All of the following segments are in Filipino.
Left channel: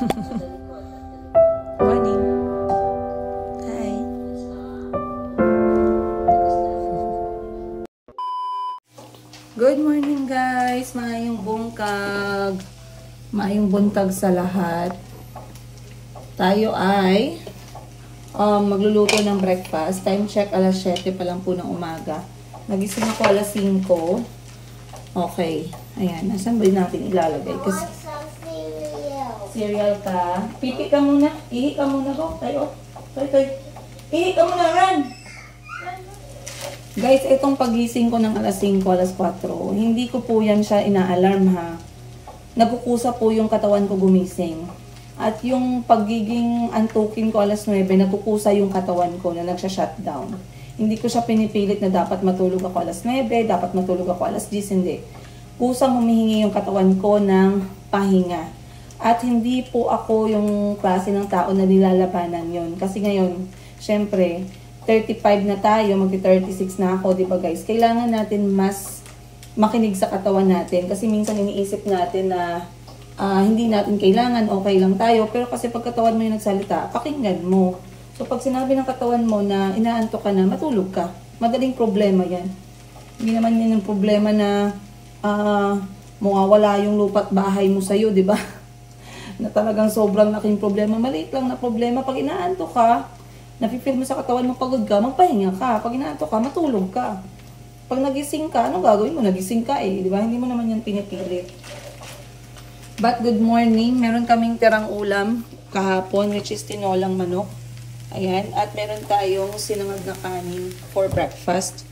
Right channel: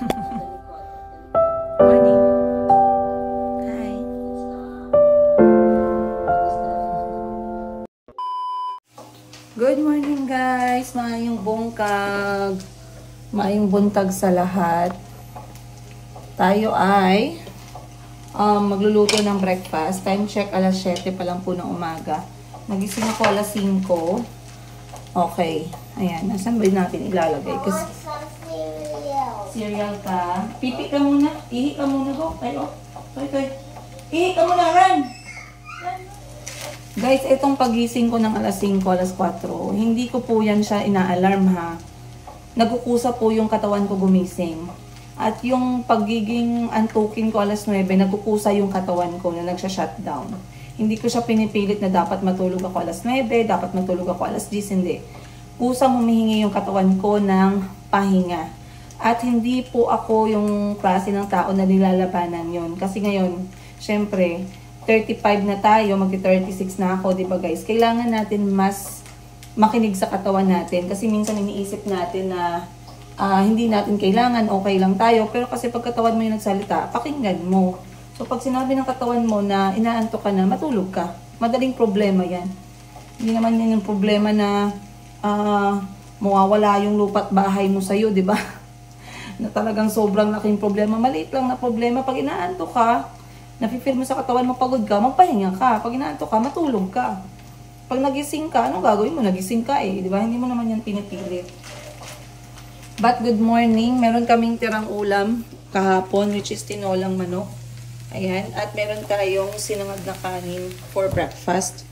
Morning. Hi. Good morning guys. Maayong bungkag. Maayong buntag sa lahat. Tayo ay magluluto ng breakfast. Time check alas 7 pa lang po ng umaga. Nagising ako alas 5. Okay. Ayan. Nasaan ba natin ilalagay? Kasi cereal ka. Pipi ka muna. Ihi ka muna go. Tayo. Toy. Ihi ka muna. Run! Guys, itong pagising ko ng alas 5, alas 4, hindi ko po yan siya ina-alarm ha. Nagkukusa po yung katawan ko gumising. At yung pagiging antukin ko alas 9, nagkukusa yung katawan ko na nagsha-shutdown. Hindi ko siya pinipilit na dapat matulog ako alas 9, dapat matulog ako alas 10, hindi. Kusang humihingi yung katawan ko ng pahinga. At hindi po ako yung klase ng tao na nilalabanan yun. Kasi ngayon, syempre, 35 na tayo, magti-36 na ako, di ba guys? Kailangan natin mas makinig sa katawan natin. Kasi minsan iniisip natin na hindi natin kailangan, okay lang tayo. Pero kasi pag katawan mo yung nagsalita, pakinggan mo. So pag sinabi ng katawan mo na inaantok ka na, matulog ka. Madaling problema yan. Hindi naman yan yung problema na mawawala yung lupa't bahay mo sa'yo, di ba? Na talagang sobrang laking problema. Maliit lang na problema. Pag inaantok ka, nafe-feel mo sa katawan mo pagod ka, magpahinga ka. Pag inaantok ka, matulog ka. Pag nagising ka, anong gagawin mo? Nagising ka eh, di ba? Hindi mo naman yan pinipilit. But good morning. Meron kaming tirang ulam kahapon, which is tinolang manok. Ayan. At meron tayong sinangag na kanin for breakfast.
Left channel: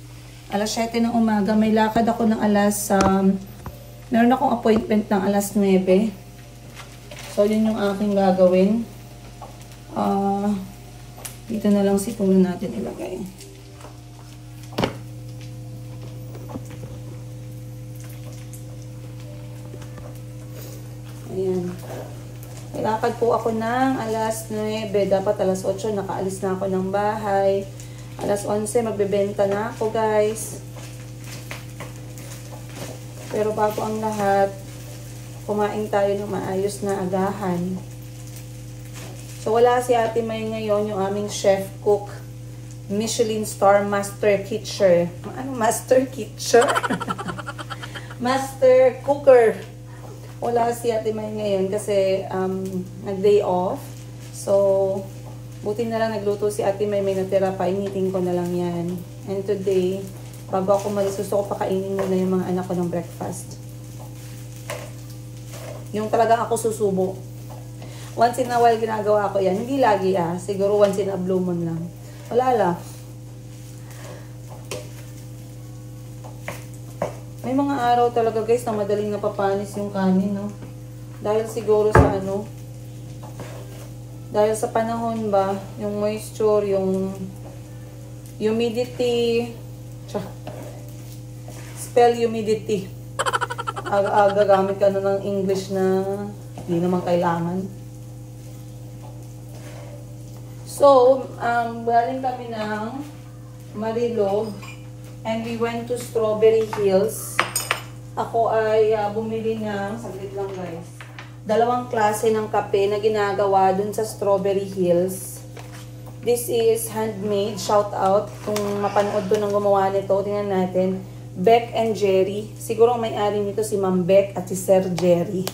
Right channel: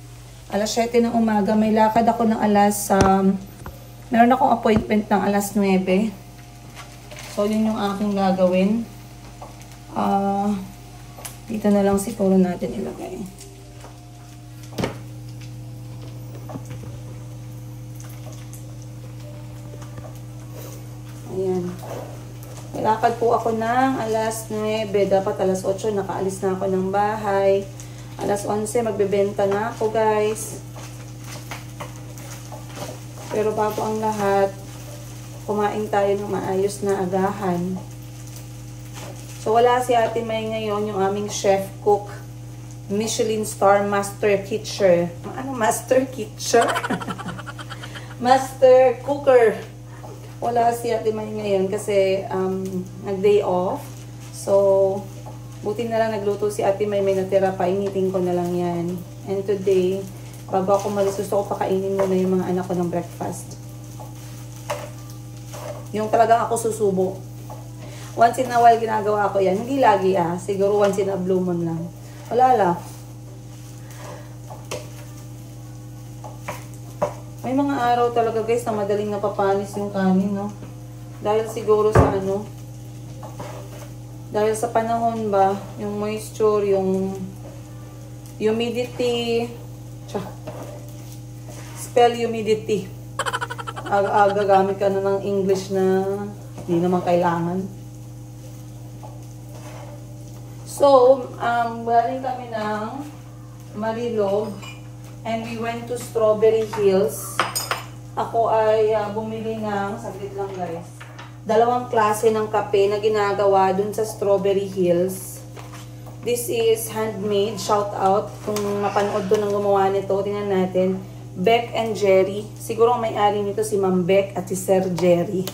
Alas 7 ng umaga, may lakad ako ng alas, meron akong appointment ng alas 9. So, yun yung aking gagawin. Dito na lang siguro natin ilagay. Ayan. Ilakad po ako ng alas 9. Dapat alas 8 nakaalis na ako ng bahay. Alas 11 magbebenta na ako guys. Pero bago ang lahat, kumain tayo ng maayos na agahan. So, wala si Ate May ngayon, yung aming chef cook. Michelin star master kitcher. Ano master kitcher? Master cooker. Wala si Ate May ngayon kasi nag-day off. So, buti na lang nagluto si Ate May natira pa. Initin ko na lang yan. And today, bago ako malis, gusto ko pakainin muna yung mga anak ko ng breakfast. Yung talagang ako susubo. Once in a while ginagawa ko yan. Hindi lagi siguro once in a blue moon lang. Wala lang. May mga araw talaga guys na madaling napapanis yung kanin, no? Dahil siguro sa dahil sa panahon ba, yung moisture, yung humidity, spell humidity. Aga gamit ka na ng English na hindi naman kailangan. So, galing kami ng Marilog and we went to Strawberry Hills. Ako ay bumili ng, saglit lang guys, 2 klase ng kape na ginagawa dun sa Strawberry Hills. This is handmade, shout out kung mapanood to ng gumawa nito, tingnan natin. Beck and Jerry. Siguro may-ari nito si Ma'am Beck at si Sir Jerry.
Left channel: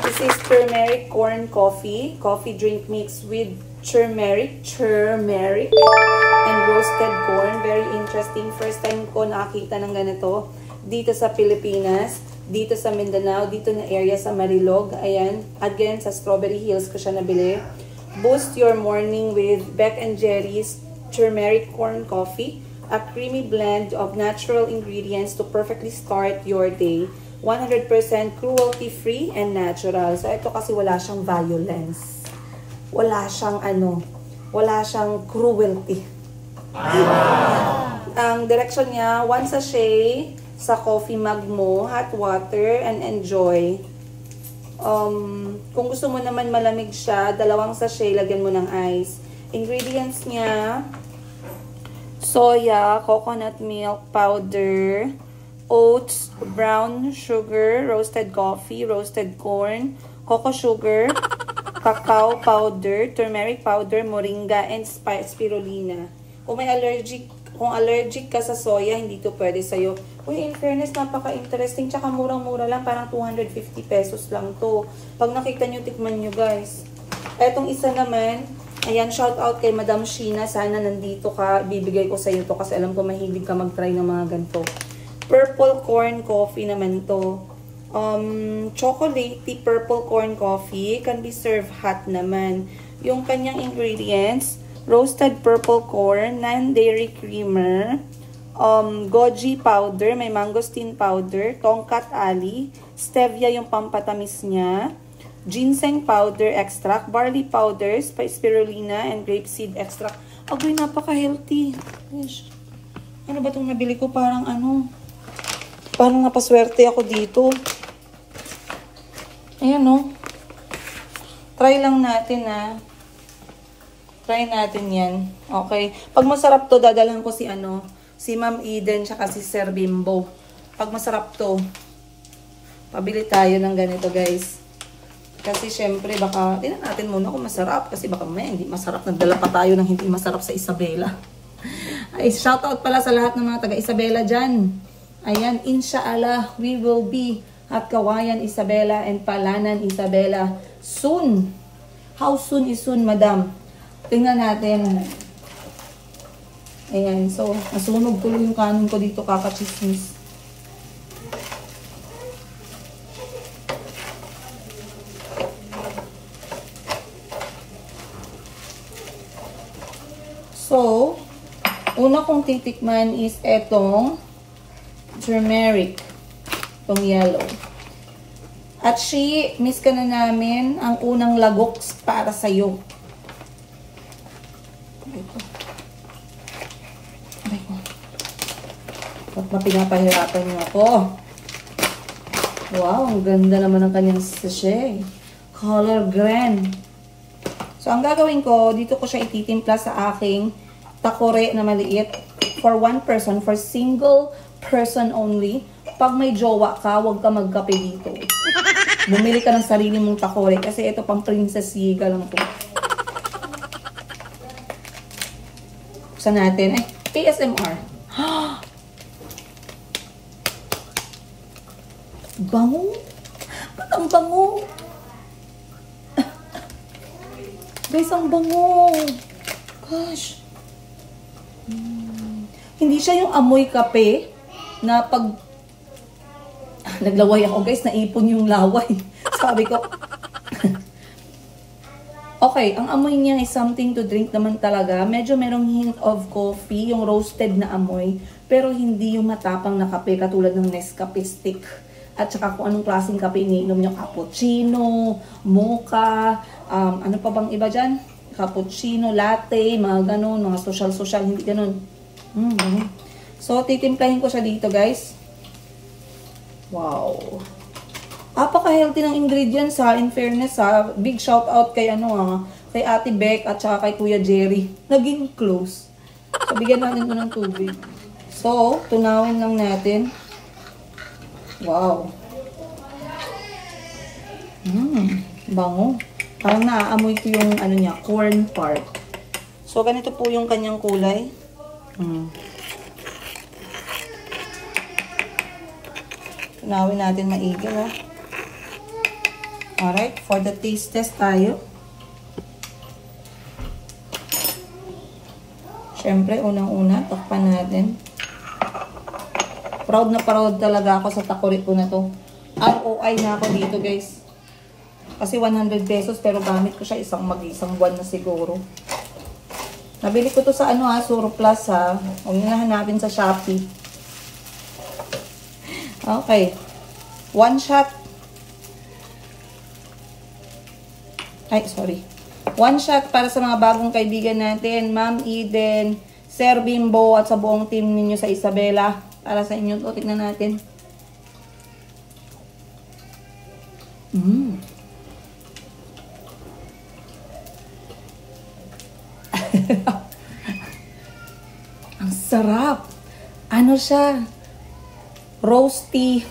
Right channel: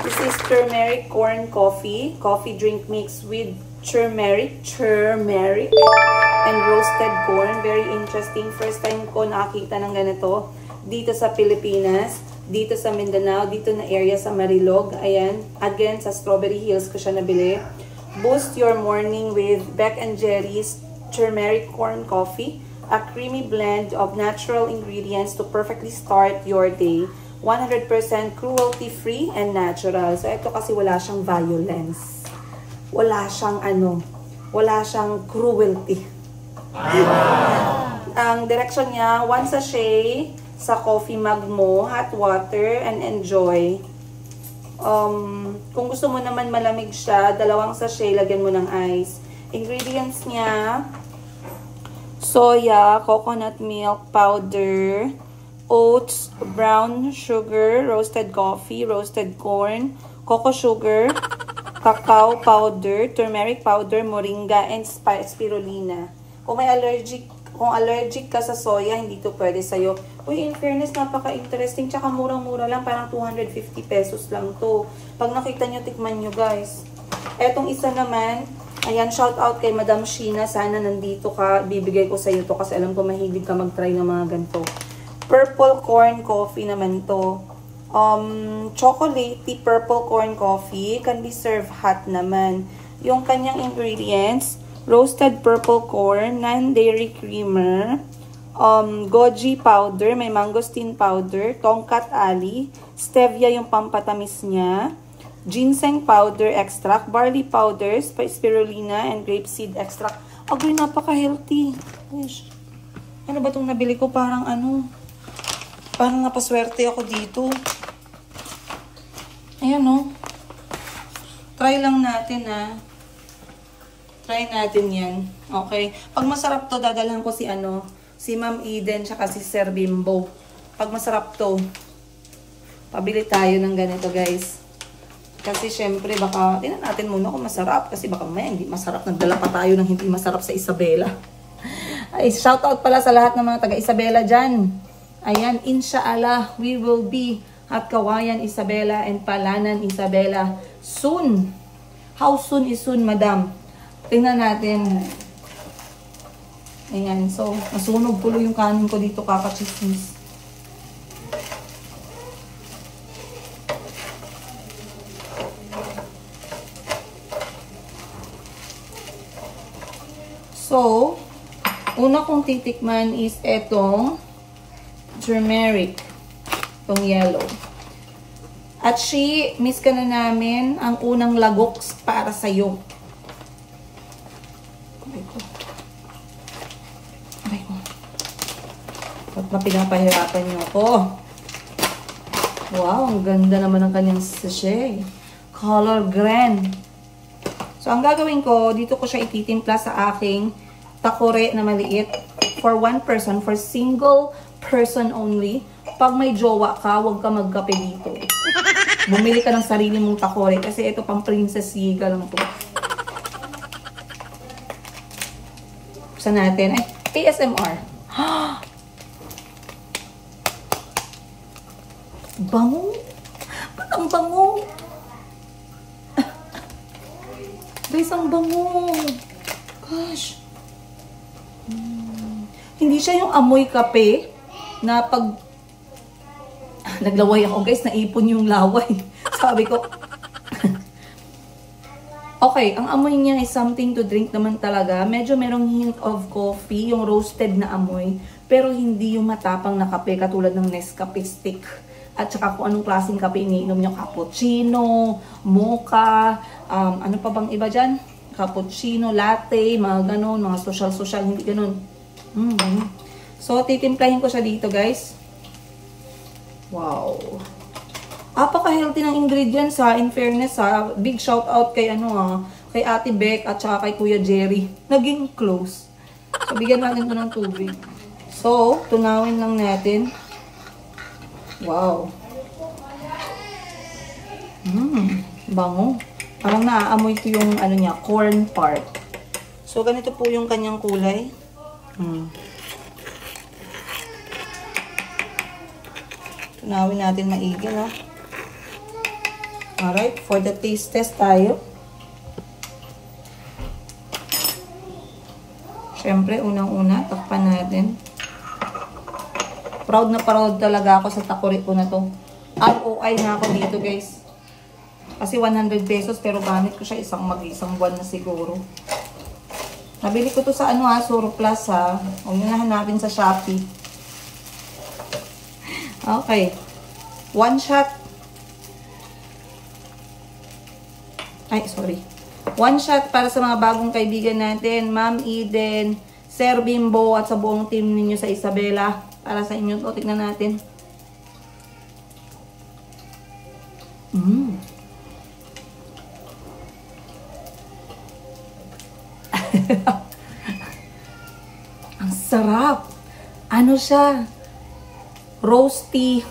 This is turmeric corn coffee. Coffee drink mix with turmeric and roasted corn. Very interesting. First time ko nakakita ng ganito dito sa Pilipinas, dito sa Mindanao, dito na area sa Marilog. Ayan. Again, sa Strawberry Hills ko siya nabili. Boost your morning with Beck and Jerry's turmeric corn coffee. A creamy blend of natural ingredients to perfectly start your day. 100% cruelty-free and natural. So, ito kasi wala siyang violence. Wala siyang wala siyang cruelty. Ang direction niya, 1 sachet sa coffee mug mo, hot water, and enjoy. Kung gusto mo naman malamig siya, 2 sachet, lagyan mo ng ice. Ingredients niya, soya, coconut milk powder, oats, brown sugar, roasted coffee, roasted corn, cocoa sugar, cacao powder, turmeric powder, moringa, and spirulina. Kung allergic ka sa soya, hindi to pwede sa'yo. Uy, in fairness, napaka-interesting. Tsaka murang-mura lang, parang 250 pesos lang to. Pag nakita nyo, tikman nyo guys. Etong isa naman, ayan, shout out kay Madam Sheena. Sana nandito ka, bibigay ko sa'yo to kasi alam ko mahilig ka mag-try ng mga ganito. Purple corn coffee naman to. Chocolatey purple corn coffee can be served hot naman. Yung kanyang ingredients, roasted purple corn, non-dairy creamer, goji powder, may mangosteen powder, tongkat ali, stevia yung pampatamis niya, ginseng powder extract, barley powder, spirulina, and grapeseed extract. Agoy, napaka-healthy. Ano ba itong nabili ko? Parang napaswerte ako dito. Ayan o. Try lang natin Try natin yan. Okay. Pag masarap to, dadalhan ko si Ma'am Eden, tsaka si Sir Bimbo. Pag masarap to, pabili tayo ng ganito, guys. Kasi syempre, baka, tingnan natin muna kung masarap. Kasi baka may hindi masarap. Nagdala pa tayo ng hindi masarap sa Isabela. Ay, shoutout pala sa lahat ng mga taga-Isabela dyan. Ayan, inshallah, we will be at Kawayan, Isabela, and Palanan, Isabela soon. How soon is soon, madam? Tingnan natin. Ayan. So, nasunog tuloy yung kanin ko dito, kakachismis. So, una kong titikman is etong turmeric. Itong yellow. At miss ka na namin ang unang lagoks para sa'yo. Ba't na pinapahirapan niyo ako? Wow, ang ganda naman ng kanyang sachet. Color grand. So, ang gagawin ko, dito ko siya ititimpla sa aking takore na maliit. For one person, for single person only. Pag may jowa ka, huwag ka magkape dito. Bumili ka ng sarili mong takore kasi ito pang Princess Yiga lang po. Buksan natin. Ay, ASMR. Bango? Ba't ang bango? Guys, ang bango. Gosh. Hindi siya yung amoy kape na pag naglaway ako, guys, naipon yung laway. Sabi ko. Okay, ang amoy niya is something to drink naman talaga. Medyo merong hint of coffee, yung roasted na amoy. Pero hindi yung matapang na kape katulad ng Nescafe stick. At saka kung anong klaseng kape iniinom nyo, cappuccino, mocha, ano pa bang iba dyan? Cappuccino, latte, mga ganun, mga social, hindi ganun. So, titimplahin ko siya dito, guys. Wow. Apaka-healthy ng ingredients ha, in fairness ha. Big shout out kay kay Ate Beck at saka kay Kuya Jerry. Naging close. So, bigyan natin ito ng tubig. So, tunawin lang natin. Wow. Bango. Parang naaamoy ko yung niya, corn part. So, ganito po yung kanyang kulay. Tunawin natin maigi, no? Alright, for the taste test tayo. Siyempre, unang-una, takpan natin. Proud na proud talaga ako sa takore ko na to. ROI na ako dito, guys. Kasi 100 pesos, pero gamit ko siya isang buwan na siguro. Nabili ko to sa Surplus ha. Huwag nyo na hanapin sa Shopee. Okay. One shot. Ay, sorry. One shot para sa mga bagong kaibigan natin. Ma'am Eden, Sir Bimbo, at sa buong team ninyo sa Isabela. Para sa inyo to. Tignan natin. Ang sarap. Ano siya? Roasty.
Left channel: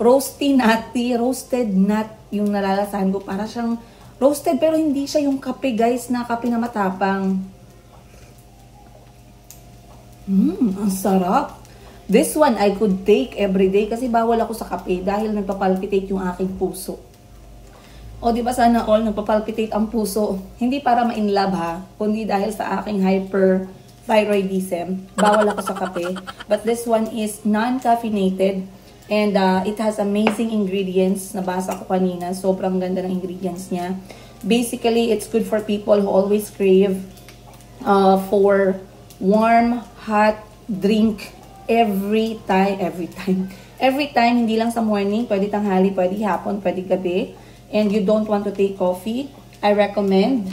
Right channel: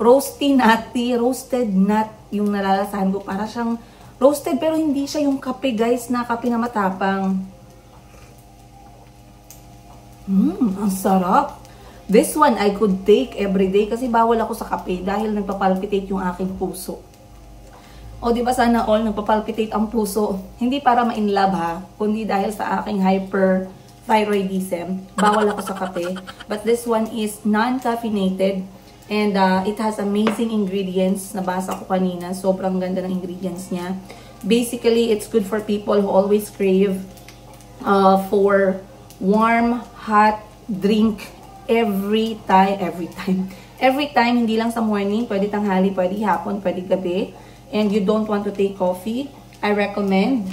roasted nut yung nalalasahan ko. Para siyang roasted pero hindi siya yung kape guys na kape na matapang. Ang sarap. This one I could take every day kasi bawal ako sa kape dahil nagpapalpitate yung aking puso. O di ba sana all nagpapalpitate ang puso. Hindi para ma-inlove ha, kundi dahil sa aking hyperthyroidism. Bawal ako sa kape. But this one is non-caffeinated and it has amazing ingredients. Nabasa ko kanina, sobrang ganda ng ingredients niya. Basically, it's good for people who always crave for warm, hot drink every time, hindi lang sa morning, pwede tanghali, pwede hapon, pwede gabi, and you don't want to take coffee, I recommend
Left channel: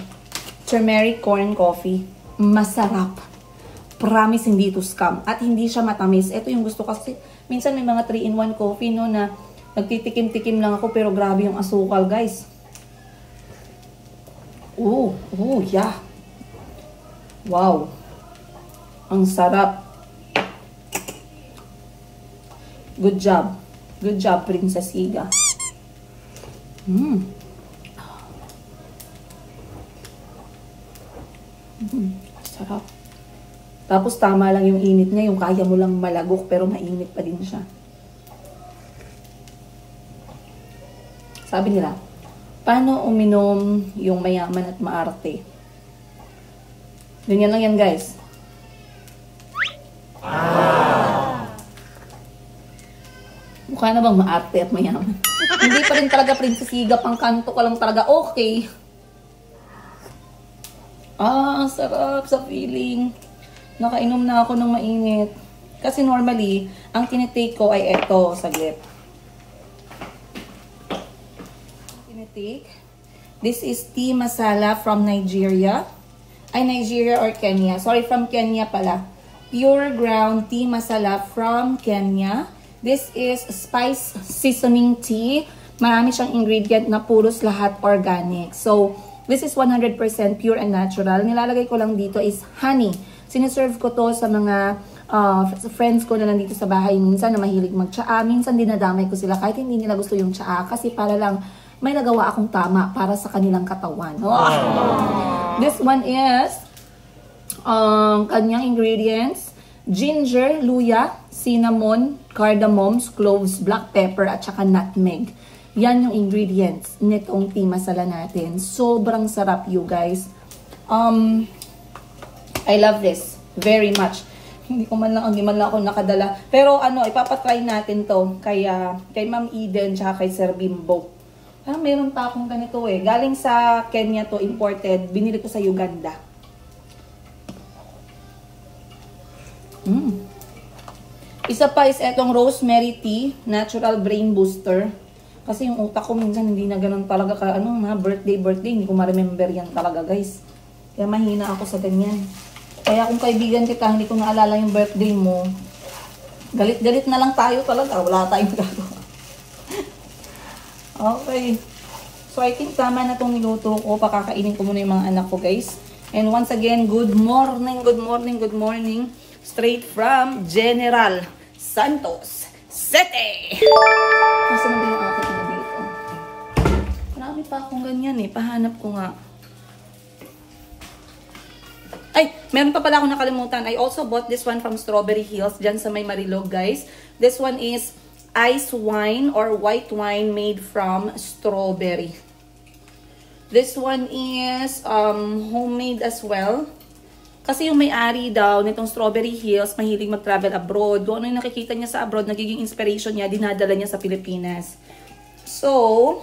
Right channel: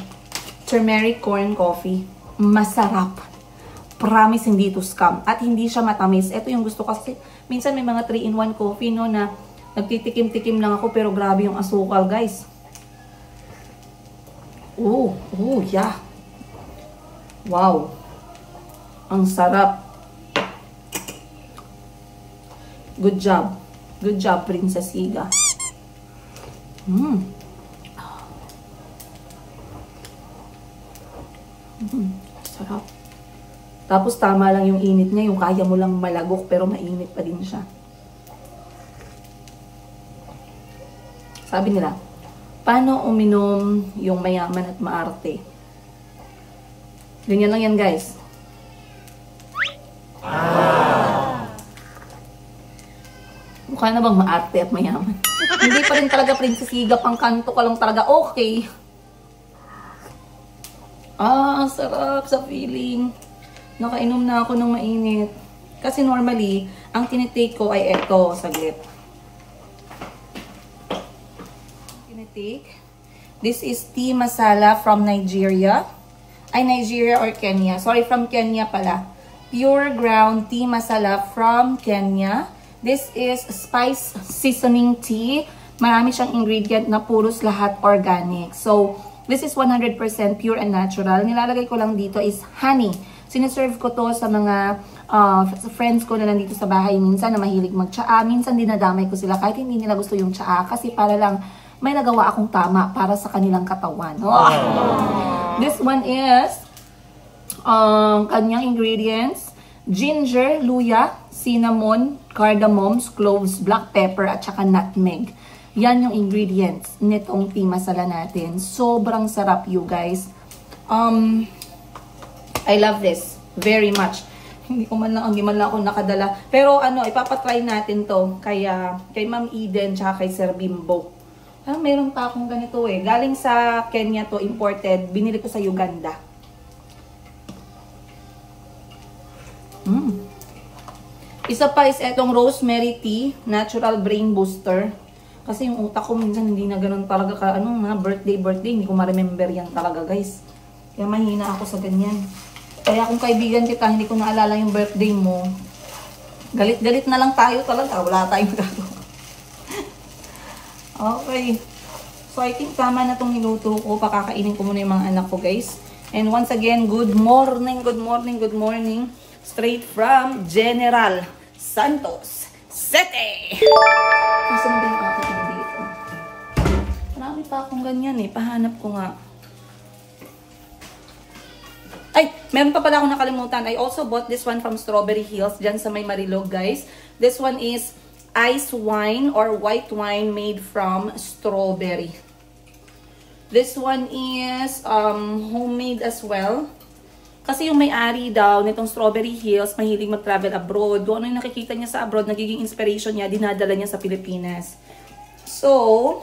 turmeric corn coffee. Masarap. Promise, hindi to scam. At hindi siya matamis. Ito yung gusto kasi, minsan may mga 3-in-1 coffee, no, na nagtitikim-tikim lang ako, pero grabe yung asukal, guys. Oh, yeah. Wow. Ang sarap. Good job. Good job, Princess Higa. Sarap. Tapos tama lang yung init niya, yung kaya mo lang malagok pero mainit pa din siya. Sabi nila, paano uminom yung mayaman at maarte? Ganyan lang yan, guys. Mukha na bang maarte at mayaman? Hindi pa rin talaga Princess Higa, pang kanto ka lang talaga okay. Sarap sa feeling. Nakainom na ako ng mainit. Kasi normally, ang tinitake ko ay eto, saglit. Tinitake. This is tea masala from Nigeria. Ay, Nigeria or Kenya. Sorry, from Kenya pala. Pure ground tea masala from Kenya. This is spice seasoning tea. Marami siyang ingredient na puros lahat organic. So, this is 100% pure and natural. Nilalagay ko lang dito is honey. Siniserve ko to sa mga friends ko na nandito sa bahay minsan na mahilig mag-tsaa. Minsan dinadamay ko sila kahit hindi nila gusto yung tsaa kasi para lang may nagawa akong tama para sa kanilang katawan. This one is kanyang ingredients. Ginger, luya, cinnamon, cardamom, cloves, black pepper, at saka nutmeg. Yan yung ingredients nitong tea masala natin. Sobrang sarap, you guys. I love this very much. Hindi man lang ako nakadala. Pero ipapatry natin to kay Ma'am Eden tsaka kay Sir Bimbo. Meron pa akong ganito eh. Galing sa Kenya to, imported. Binili ko sa Uganda. Isa pa is etong rosemary tea, natural brain booster. Kasi yung utak ko minsan hindi na ganun talaga ka, mga birthday, hindi ko ma-remember yan talaga, guys. Kaya mahina ako sa ganyan. Kaya kung kaibigan kita, hindi ko naalala yung birthday mo, galit-galit na lang tayo talaga. Wala tayong gagawa. Okay. So, I think tama na itong niluto ko. Pakakainin ko muna yung mga anak ko, guys. And once again, good morning. Straight from General Santos City. Nasaan na ba yung akin na dito? Marami pa akong ganyan eh. Pahanap ko nga. Ay, meron pa pala akong nakalimutan. I also bought this one from Strawberry Hills. Dyan sa may Marilog, guys. This one is ice wine or white wine made from strawberry. This one is homemade as well. Kasi yung may-ari daw nitong Strawberry Hills, mahilig mag-travel abroad. Kung ano yung nakikita niya sa abroad, nagiging inspiration niya, dinadala niya sa Pilipinas. So,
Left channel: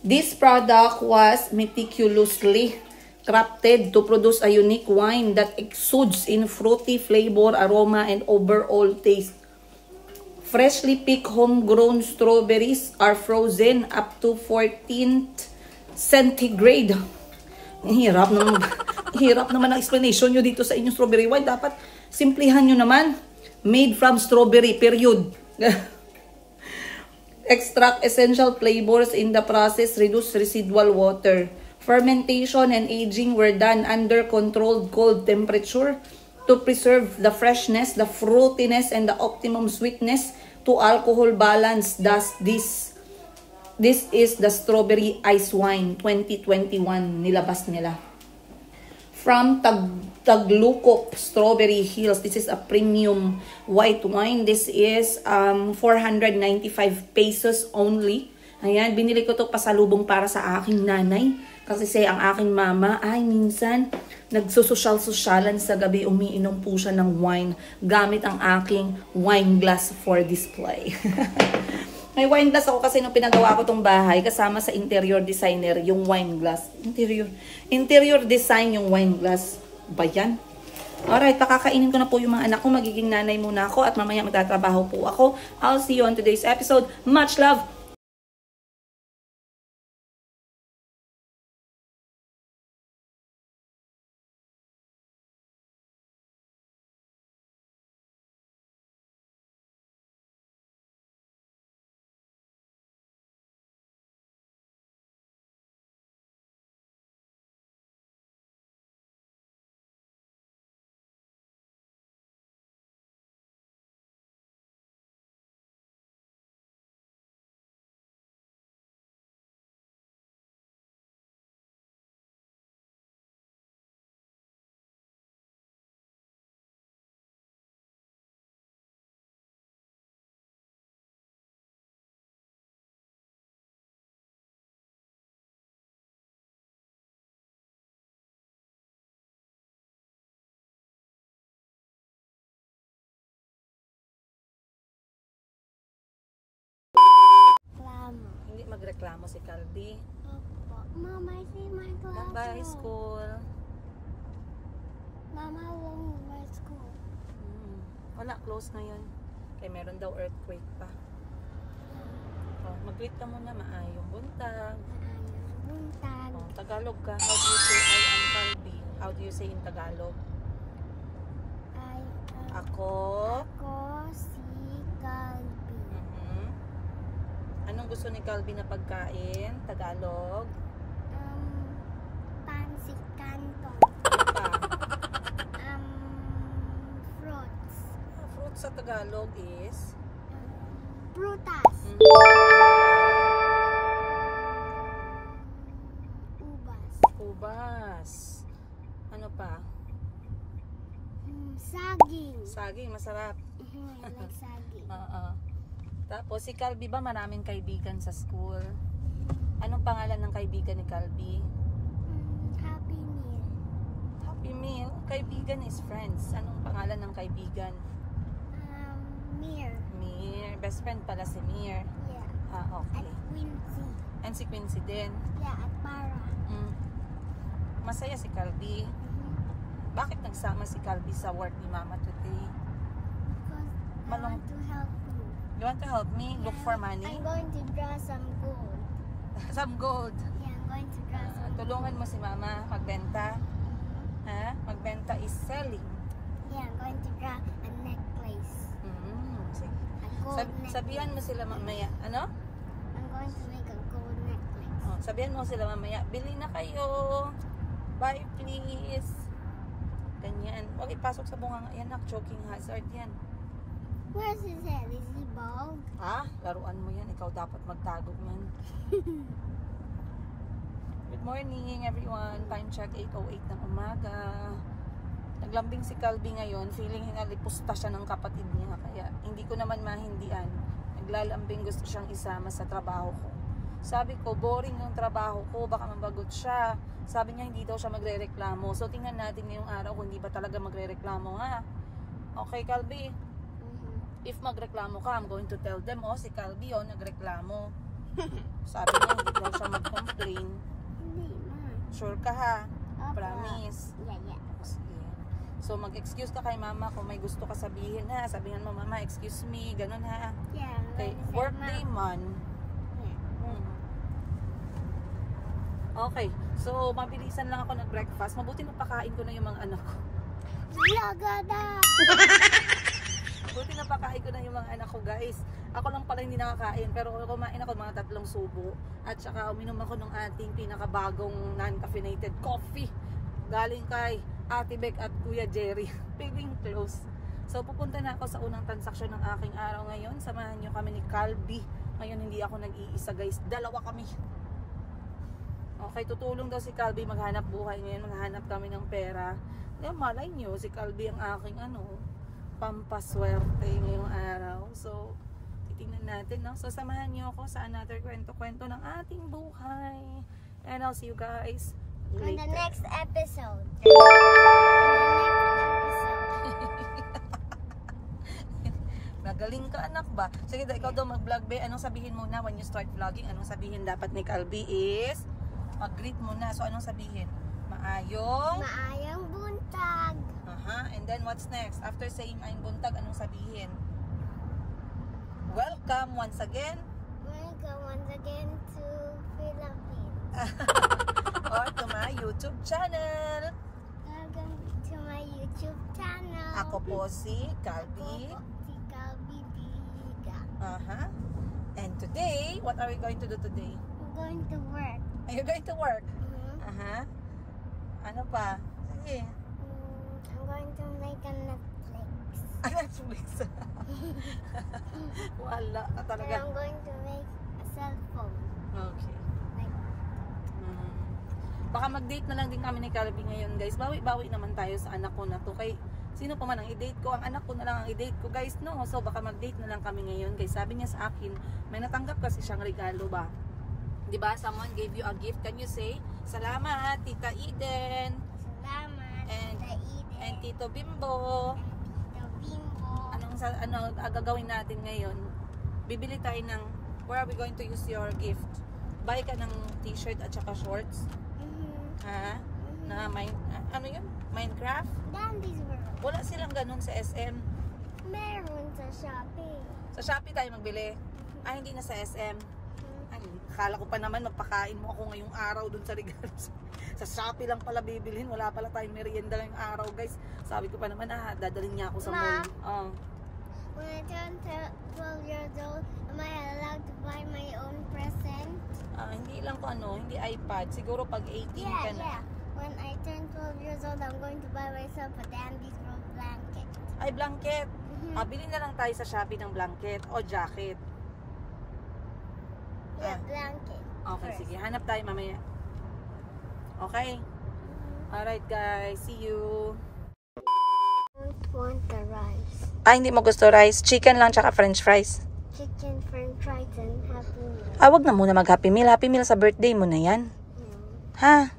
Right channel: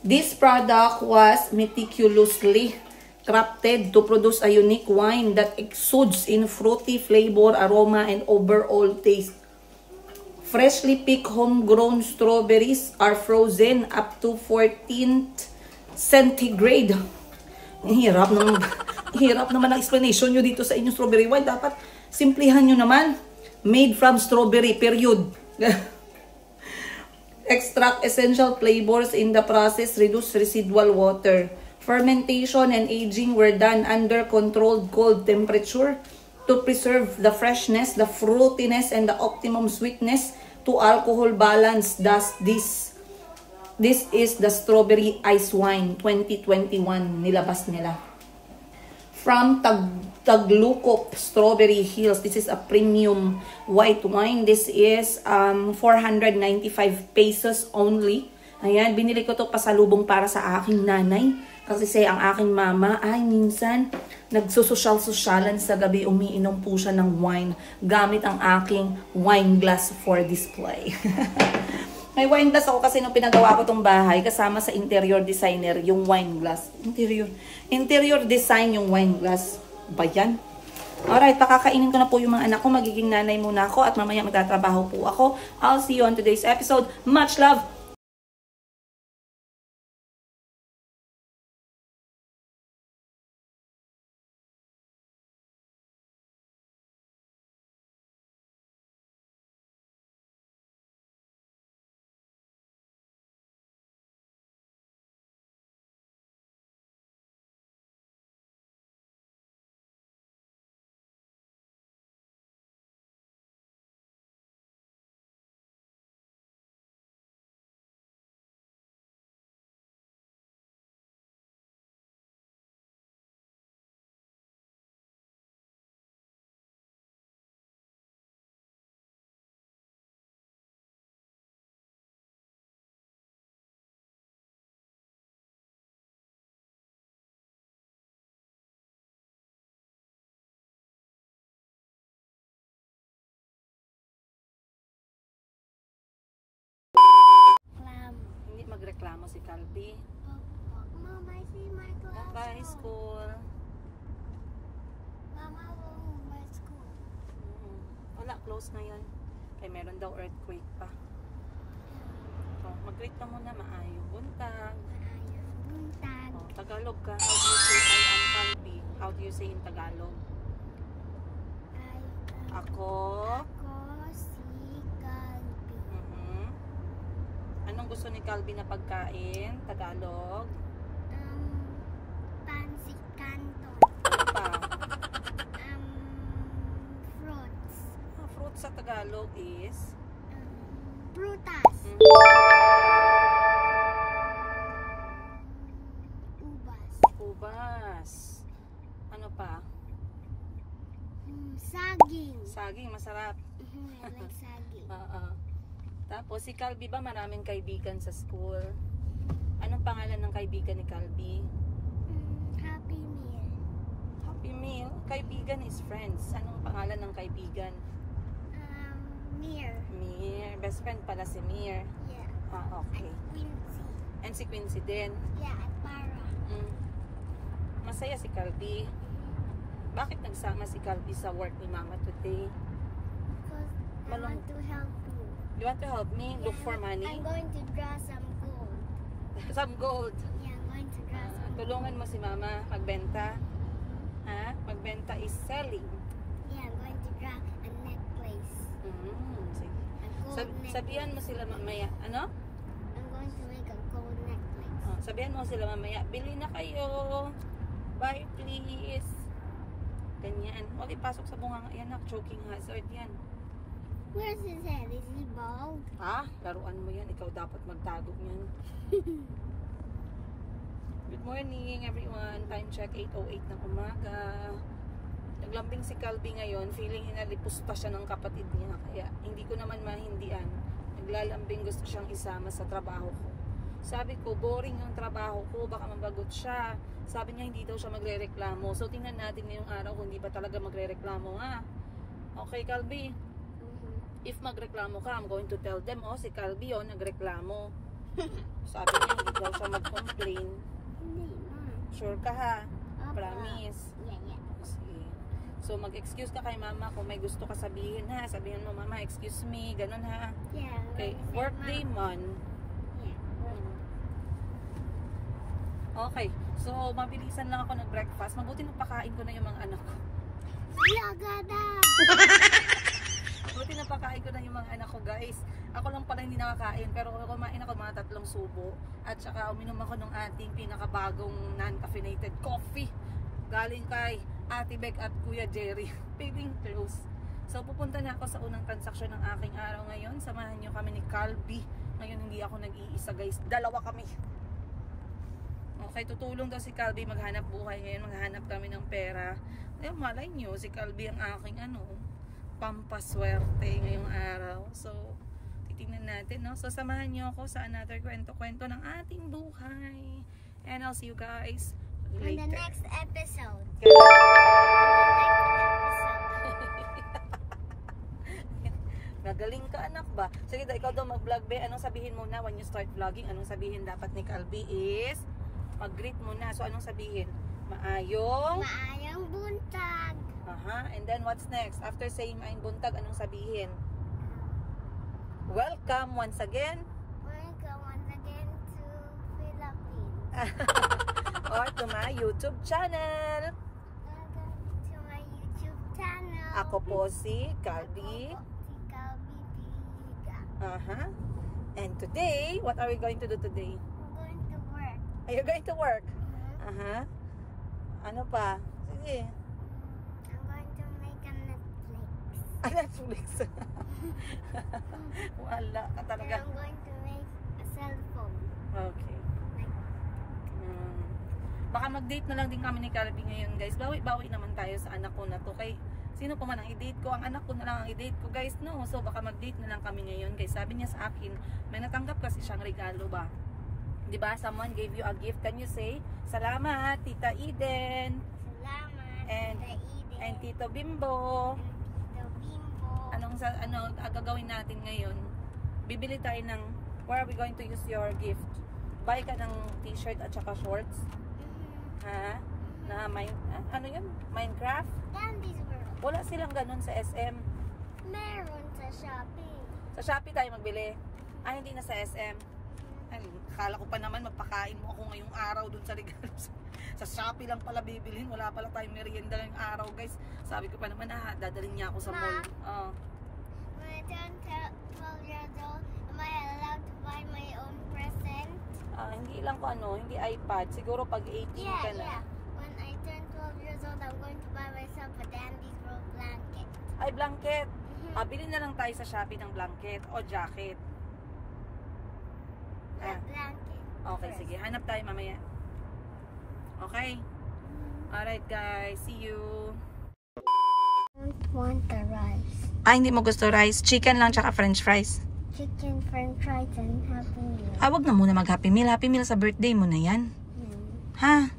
this product was meticulously crafted to produce a unique wine that exudes in fruity flavor, aroma, and overall taste. Freshly picked homegrown strawberries are frozen up to 14th centigrade. Hirap naman ang explanation nyo dito sa inyong strawberry wine. Dapat simplihan nyo naman. Made from strawberry, period. Extract essential flavors in the process, reduce residual water. Fermentation and aging were done under controlled cold temperature to preserve the freshness, the fruitiness, and the optimum sweetness to alcohol balance. Thus, this is the strawberry ice wine 2021 nilabas nila. From Taglukop Strawberry Hills. This is a premium white wine. This is 495 pesos only. Ayan, binili ko to pasalubong para sa aking nanay. Kasi ang aking mama ay minsan nagsusosyal-sosyalan sa gabi, umiinom po siya ng wine gamit ang aking wine glass for display. May wine glass ako kasi nung pinagawa ko tong bahay, kasama sa interior designer yung wine glass. Interior design yung wine glass. Ba yan? Alright, pakakainin ko na po yung mga anak ko. Magiging nanay muna ako at mamaya magtatrabaho po ako. I'll see you on today's episode. Much love! Magreklamo si Calby. Mama, I see my class. Bye school. Mama, won't buy school. Wala, close na yun. Kaya meron daw earthquake pa. Oh, mag-greet ka muna, maayong buntag. Maayong buntag. Oh, Tagalog ka. How do you say I am Calby? How do you say in Tagalog? Ako si Calby. Anong gusto ni Calby na pagkain? Tagalog? Pancit canton. Fruits. Fruits sa Tagalog is? Prutas. Ubas. Ano pa? Saging. Saging, masarap. I like saging. Tapos, si Calby ba maraming kaibigan sa school? Anong pangalan ng kaibigan ni Calby? Happy Meal. Happy Meal? Kaibigan is friends. Anong pangalan ng kaibigan? Mir. Mir. Best friend pala si Mir. Yeah. Okay. At Quincy. And si Quincy din. Yeah, at Para. Masaya si Calby. Bakit nagsama si Calby sa work ni Mama today? Because I want to help you. You want to help me? Look for money? I'm going to draw some gold. Some gold. Yeah, I'm going to draw some Tulungan mo si Mama magbenta. Ha? Magbenta is selling. Yeah, I'm going to draw a necklace. Sige. A gold necklace. Sabihan mo sila mamaya. Ano? I'm going to make a gold necklace. Sabihan mo sila mamaya. Bili na kayo. Buy please. Ganyan. Huwag ipasok sa bungang. Ayan, choking hazard yan. Where's his head? Is he bald? Laruan mo yan. Ikaw dapat magtago niyan. Good morning everyone. Time check 8:08 ng umaga. Naglambing si Calby ngayon. Feeling hinalipusta siya ng kapatid niya. Kaya hindi ko naman mahindian. Naglalambing, gusto siyang isama sa trabaho ko. Sabi ko, boring yung trabaho ko. Baka mabagot siya. Sabi niya hindi daw siya magre-reklamo. So tingnan natin ngayong araw kung hindi ba talaga magre-reklamo ha. Okay Calby? If magreklamo ka, I'm going to tell them, si Calby nagreklamo. Sabi niya, hindi daw siya mag-complain. Hindi, Ma. Sure ka ha? Opo. Promise? Yeah. Sige. So, mag-excuse ka kay Mama kung may gusto ka sabihin ha. Sabihan mo, Mama, excuse me, ganun ha. Yeah. Okay, workday man. Yeah. Okay, so mabilisan lang ako nag-breakfast. Mabuti napakain ko na yung mga anak ko. Lagada! Buti napakain ko na yung mga anak ko guys. Ako lang pala hindi nakakain pero kumain ako mga 3 subo. At saka uminom ako ng ating pinakabagong non-caffeinated coffee. Galing kay Ate Beck at Kuya Jerry. Paving close. So, pupunta na ako sa unang transaksyon ng aking araw ngayon. Samahan nyo kami ni Calby. Ngayon, hindi ako nag-iisa guys. Dalawa kami. Okay, tutulong daw si Calby maghanap buhay. Ngayon, maghanap kami ng pera. Ngayon, malay nyo, si Calby ang aking pampaswerte ngayong araw. So, titingnan natin, no? So, samahan nyo ako sa another kwento-kwento ng ating buhay. And I'll see you guys later. On the next episode. Magaling ka anak ba? Sige daw, ikaw daw mag-vlog be. Anong sabihin muna when you start vlogging? Anong sabihin dapat ni Calby is mag-greet muna. So anong sabihin? Maayong buntag. And then what's next? After saying ayong buntag, anong sabihin? Welcome once again. Welcome once again to Philippines. Or to my YouTube channel. Welcome to my YouTube channel. Ako po si Calby. And today, what are we going to do today? I'm going to work. Are you going to work? Ano pa? Sige. I'm going to make a Netflix. Netflix? Wala ka talaga. And I'm going to make a cell phone. Okay. Like, Baka mag-date na lang din kami ni Calby ngayon guys. Bawi-bawi naman tayo sa anak ko na to. Kay sino pa man ang i-date ko? Ang anak ko na lang ang i-date ko guys, no? So baka mag-date na lang kami ngayon guys. Sabi niya sa akin, may natanggap kasi siyang regalo ba? Diba? Someone gave you a gift. Can you say, salamat, Tita Eden. salamat, And, Tita Eden. and Tito Bimbo. Tito Bimbo. Ano gagawin natin ngayon? Bibili tayo ng, where are we going to use your gift? Buy ka ng t-shirt at saka shorts. Ha? Na ano yun? Minecraft? Dandy's World. Wala silang ganun sa SM. Meron sa Shopee. Sa Shopee tayo magbili. Hindi na sa SM. Ay, akala ko pa naman magpakain mo ako ngayong araw dun sa regalo. Sa Shopee lang pala bibilhin. Wala pala tayong merienda ngayong araw guys. Sabi ko pa naman dadalhin niya ako sa mall. When I turn 12 years old, am I allowed to buy my own present? Hindi lang ko hindi iPad. Siguro pag 18 ka na. Yeah. When I turn 12 years old, I'm going to buy myself a Dandy's World blanket. Ay, blanket. Bilhin na lang tayo sa Shopee ng blanket o jacket. Yeah, blanket. Okay, sige. Hanap tayo mamaya. Okay? Alright guys, see you. I don't want the rice. Hindi mo gusto rice. Chicken lang tsaka french fries. Chicken, french fries, and Happy Meal. Wag na muna mag Happy Meal. Happy Meal sa birthday mo na yan. Ha?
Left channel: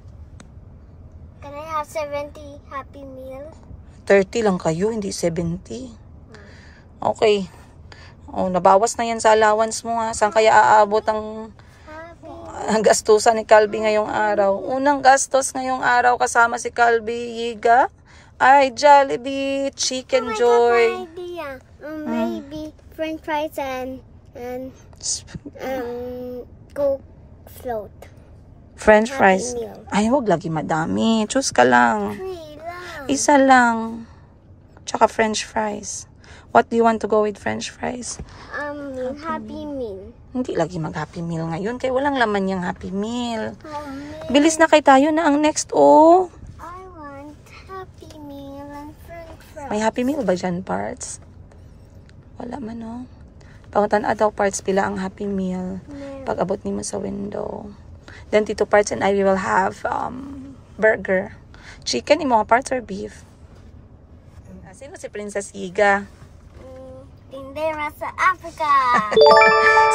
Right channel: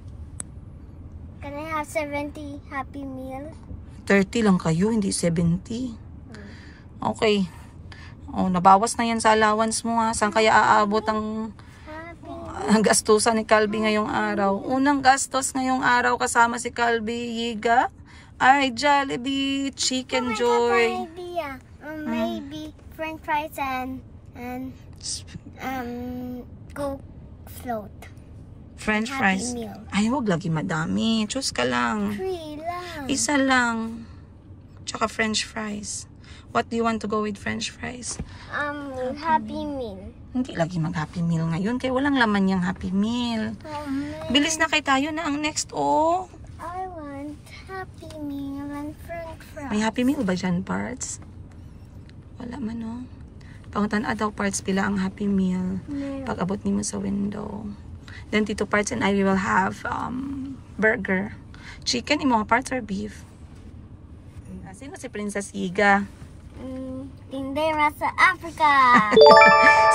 Can I have 70 Happy Meal? 30 lang kayo, hindi 70. Okay. Nabawas na yan sa allowance mo ha. Saan kaya aabot ang gastusan ni Calby ngayong araw? Unang gastos ngayong araw kasama si Calby, Yiga, ay Jollibee, Chicken Joy. Maybe french fries and Coke float. French fries. Happy Meal. Ay, huwag lagi madami. Choose ka lang. 3 lang. Isa lang. Tsaka french fries. What do you want to go with french fries? Happy Meal. Hindi lagi mag-Happy Meal ngayon. Kaya walang laman yung Happy Meal. Bilis na kay tayo na ang next, I want Happy Meal and french fries. May Happy Meal ba dyan, parts? Wala man, Pangutan daw parts pila ang Happy Meal. Pag abot nimo sa window. Then Tito Parts and I will have burger. Chicken, yung mga parts or beef? Sino si Princess Yiga? Tindera sa Africa.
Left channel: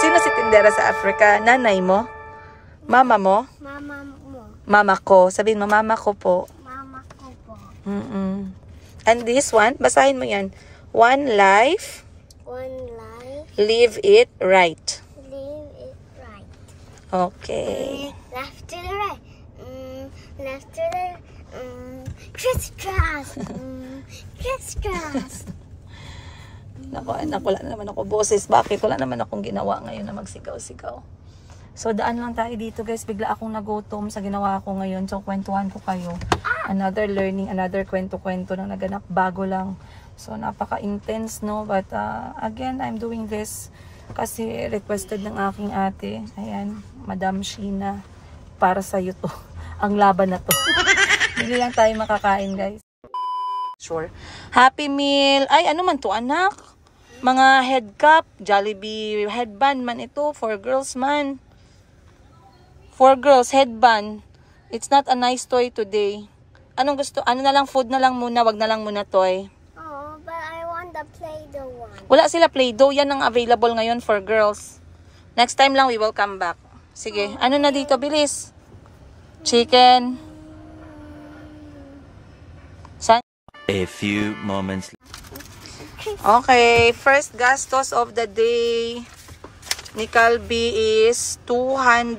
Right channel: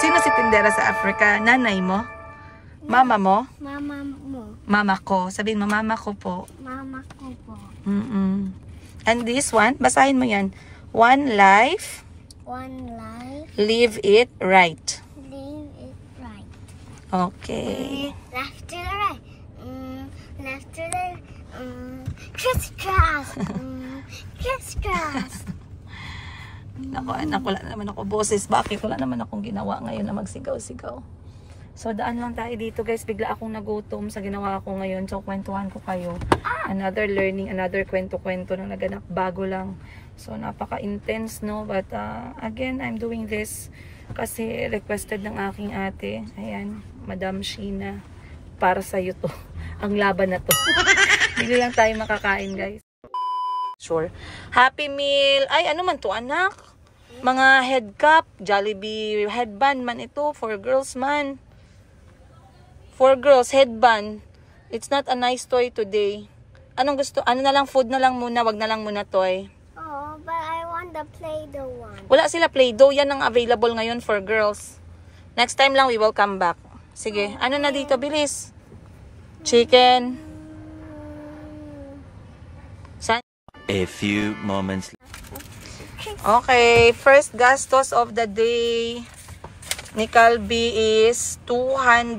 Sino si Tindera sa Africa? Nanay mo? Mama mo? Mama mo. Mama ko. Sabihin mo, mama ko po. Mama ko po. And this one, basahin mo yan. One life. One life. Live it right. Live it right. Okay. Left to the right. Left to the crisscross. Crisscross. Naku, wala naman ako boses. Bakit? Wala naman akong ginawa ngayon na magsigaw-sigaw. So, daan lang tayo dito guys. Bigla akong nagutom sa ginawa ko ngayon. So, kwentuhan ko kayo. Another learning, another kwento-kwento na naganap. Bago lang. So, napaka-intense, no? But, again, I'm doing this kasi requested ng aking ate. Ayan, Madam Sheena. Para sa'yo to. Ang laban na to. Hindi lang tayo makakain, guys. Sure. Happy Meal. Ay, ano man to, anak? Mga head cap, Jollibee headband man ito. For girls man. For girls, headband. It's not a nice toy today. Anong gusto? Ano na lang, food na lang muna. Wag na lang muna toy. Oh, but I want the Play-Doh one. Wala sila Play-Doh. Yan ang available ngayon for girls. Next time lang, we will come back. Sige, ano na dito? Bilis. Chicken. San? A few moments. Okay, first gastos of the day ni Calby is 230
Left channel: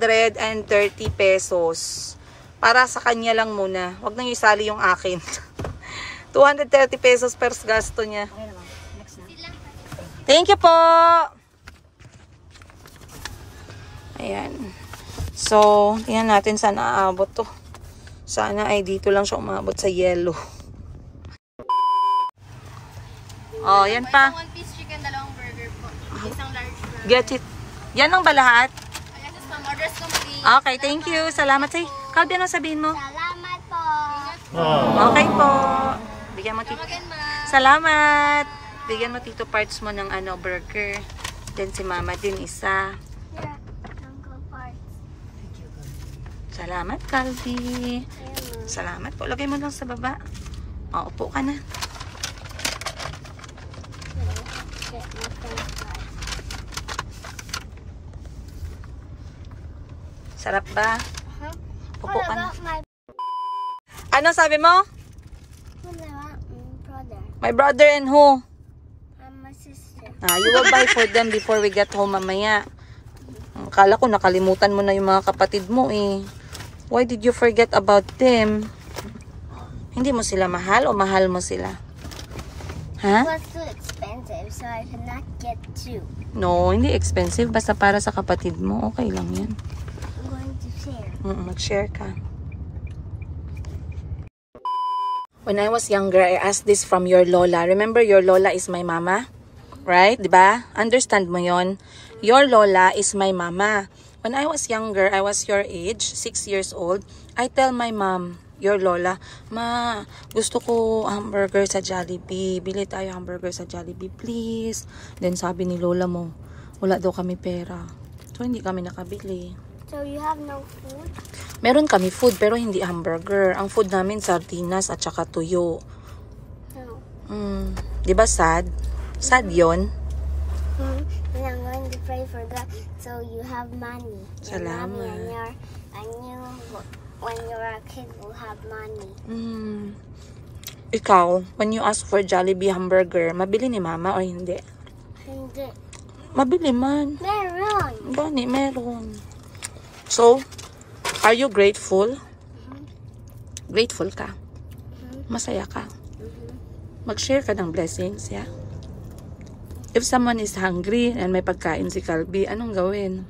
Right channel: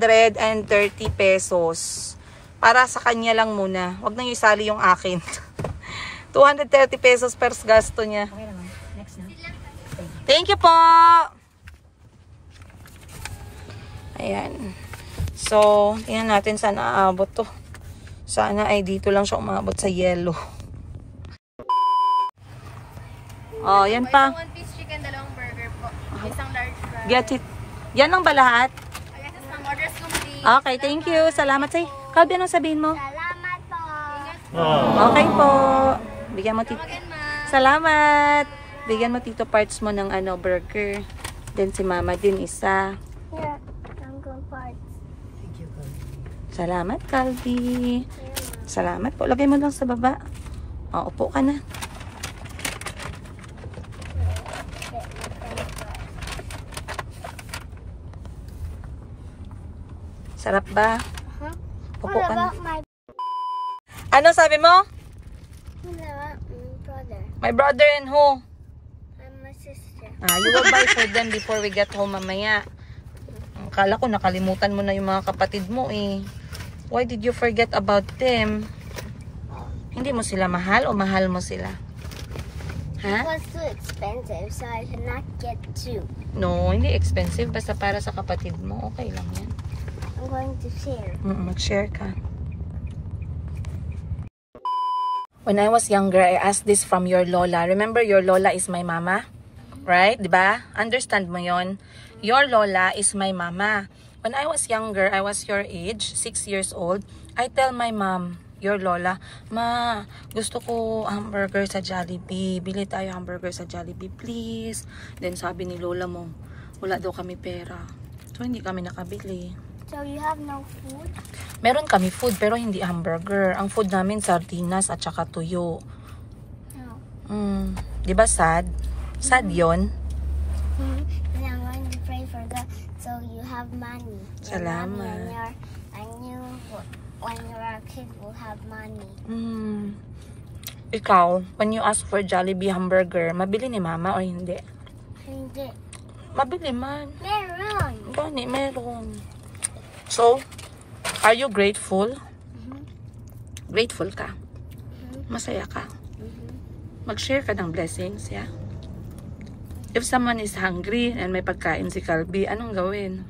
pesos. Para sa kanya lang muna. Huwag nang isali yung akin. 230 pesos first gasto niya. Okay naman. Next na. Thank you po! Ayan. So, tingnan natin saan aabot to. Sana ay dito lang siya umabot sa yellow. Oh, yan pa. One piece chicken, dalawang burger po. Isang large fry. Get it. Yan lang ba lahat? Yes, ma'am. Orders complete. Okay, thank you. Salamat sa'yo. Calby, ano sabihin mo? Salamat po. Okay po. Bigyan mo tito. Salamat. Bigyan mo tito parts mo ng burger. Then si mama din isa. Here, Uncle Parts. Salamat, Calby. Salamat po. Lagay mo lang sa baba. O, upo ka na. Sarap ba? Upo ka na. Ano sabi mo? What about my brother? My brother and who? And my sister. You will buy for them before we get home mamaya. Akala ko nakalimutan mo na yung mga kapatid mo eh. Why did you forget about them? Hindi mo sila mahal o mahal mo sila? Ha? It was too expensive, so I could not get two. No, hindi expensive. Basta para sa kapatid mo. Okay lang yan. I'm going to share. Mag-share ka. When I was younger, I asked this from your lola. Remember, your lola is my mama? Right? Diba? Understand mo yon? Your lola is my mama. When I was younger, I was your age, 6 years old, I tell my mom, your lola, Ma, gusto ko hamburger sa Jollibee. Bili tayo hamburger sa Jollibee, please. Then sabi ni lola mo, wala daw kami pera. So, hindi kami nakabili. So you have no food? Meron kami food, pero hindi hamburger. Ang food namin, sardinas at saka tuyo. No. Diba sad? Sad yun? And I'm going to pray for God so you have money. Your Salamat. mommy and you, when you're a kid, will have money. Ikaw, when you ask for Jollibee hamburger, mabili ni mama o hindi? Hindi. Mabili man. Meron. Gani, meron. So, are you grateful? Grateful ka? Masaya ka? Mag-share ka ng blessings, yeah? If someone is hungry and may pagkain si Calby, anong gawin?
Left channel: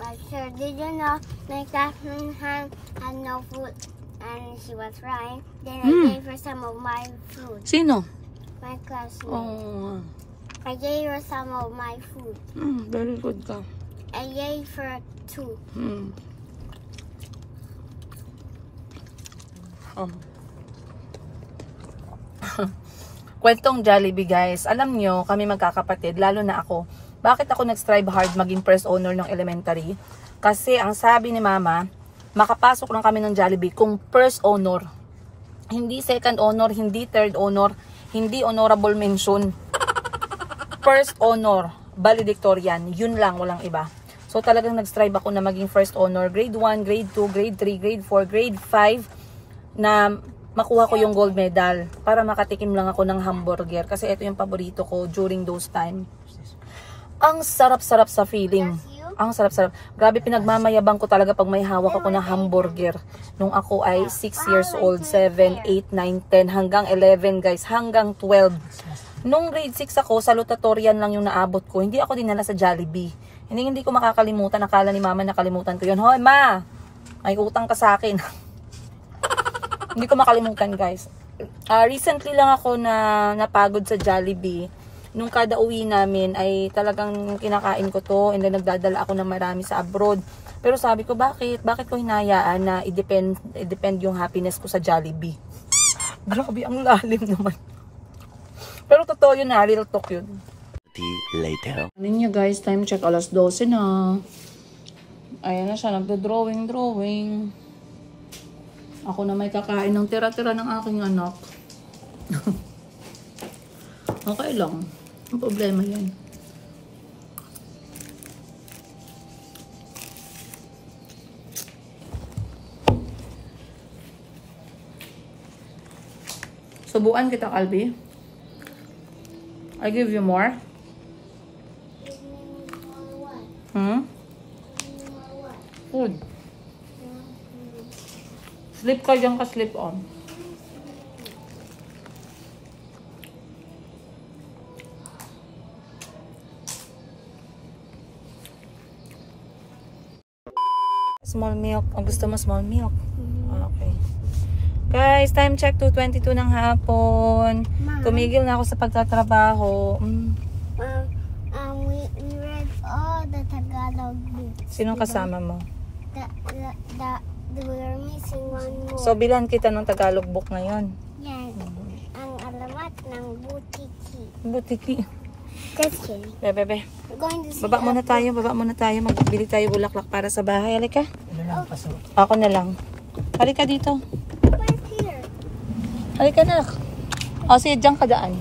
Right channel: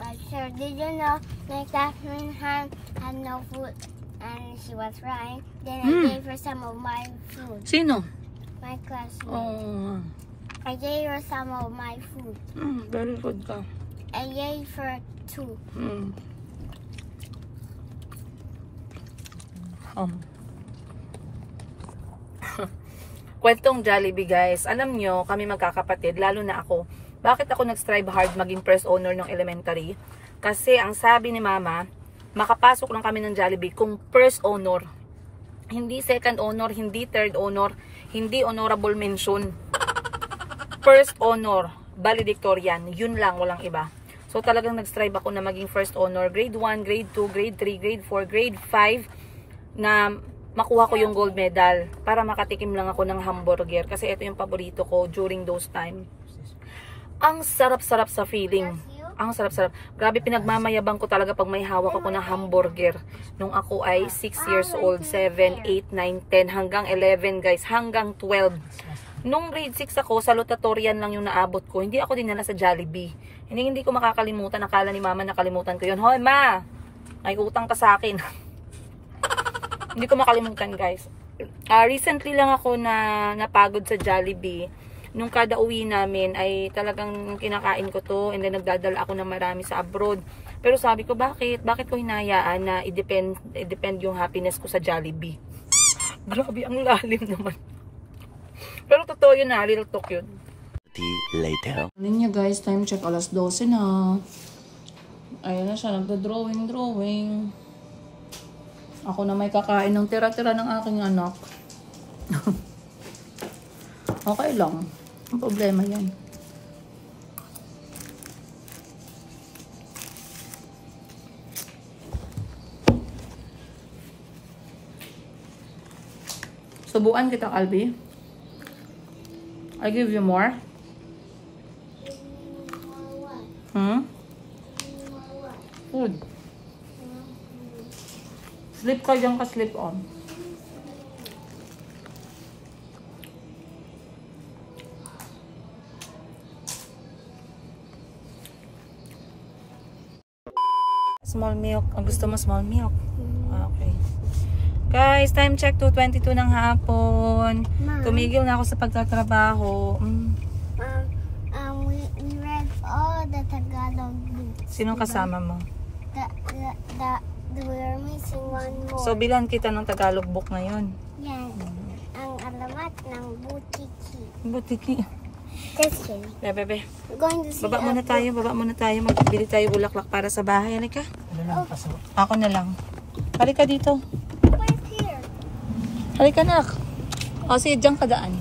But sure, did you know my classmate had no food and she was crying? Then I gave her some of my food. Sino? My classmate. Oh, I gave her some of my food. very good ka. I gave her two. Kwentong Jollibee, guys. Alam nyo, kami magkakapatid, lalo na ako. Bakit ako nag-strive hard maging first owner ng elementary? Kasi ang sabi ni mama, makapasok lang kami ng Jollibee kung first owner. Hindi second owner, hindi third owner, hindi honorable mention. First owner, valedictorian. Yun lang, walang iba. So talagang nag-strive ako na maging first owner. Grade 1, grade 2, grade 3, grade 4, grade 5 na makuha ko yung gold medal para makatikim lang ako ng hamburger. Kasi ito yung paborito ko during those time. Ang sarap-sarap sa feeling. Ang sarap-sarap. Grabe, pinagmamayabang ko talaga pag may hawak ako na hamburger. Nung ako ay 6 years old, 7, 8, 9, 10, hanggang 11 guys, hanggang 12. Nung grade 6 ako, salutatorian lang yung naabot ko. Hindi ako dinala sa Jollibee. Hindi ko makakalimutan. Akala ni mama nakalimutan ko yun. Hoy ma, may utang ka sa akin. Hindi ko makalimutan guys. Recently lang ako na napagod sa Jollibee. Nung kada uwi namin ay talagang kinakain ko to. And then nagdadala ako ng marami sa abroad. Pero sabi ko bakit? Bakit ko hinayaan na i-depend yung happiness ko sa Jollibee? Grabe, ang lalim naman. Pero totoo yun na, real talk yun. Later. Ano niya guys, time check, alas 12 na. Ayan na siya, nagdo-drawing. Ako na may kakain ng tira-tira ng aking anak. Okay lang. Ang problema yan. Subuan kita, Calvi. I give you more. Food. Sleep ka dyan ka, sleep on. Small milk. Ang gusto mo small milk? Okay. Guys, time check 2:22 ng hapon. Tumigil na ako sa pagtatrabaho. We read all the Tagalog books. Sinong kasama mo? We're missing one more. So, bilan kita ng Tagalog book ngayon. Yes. Ang alamat ng butiki. Butiki. Just kidding. Bebe. We're going to see Baba muna tayo. Magbili tayo bulaklak para sa bahay. Halika. Ako na lang. Halika dito. Right here. Halika na. O, sige, dyan ka daan.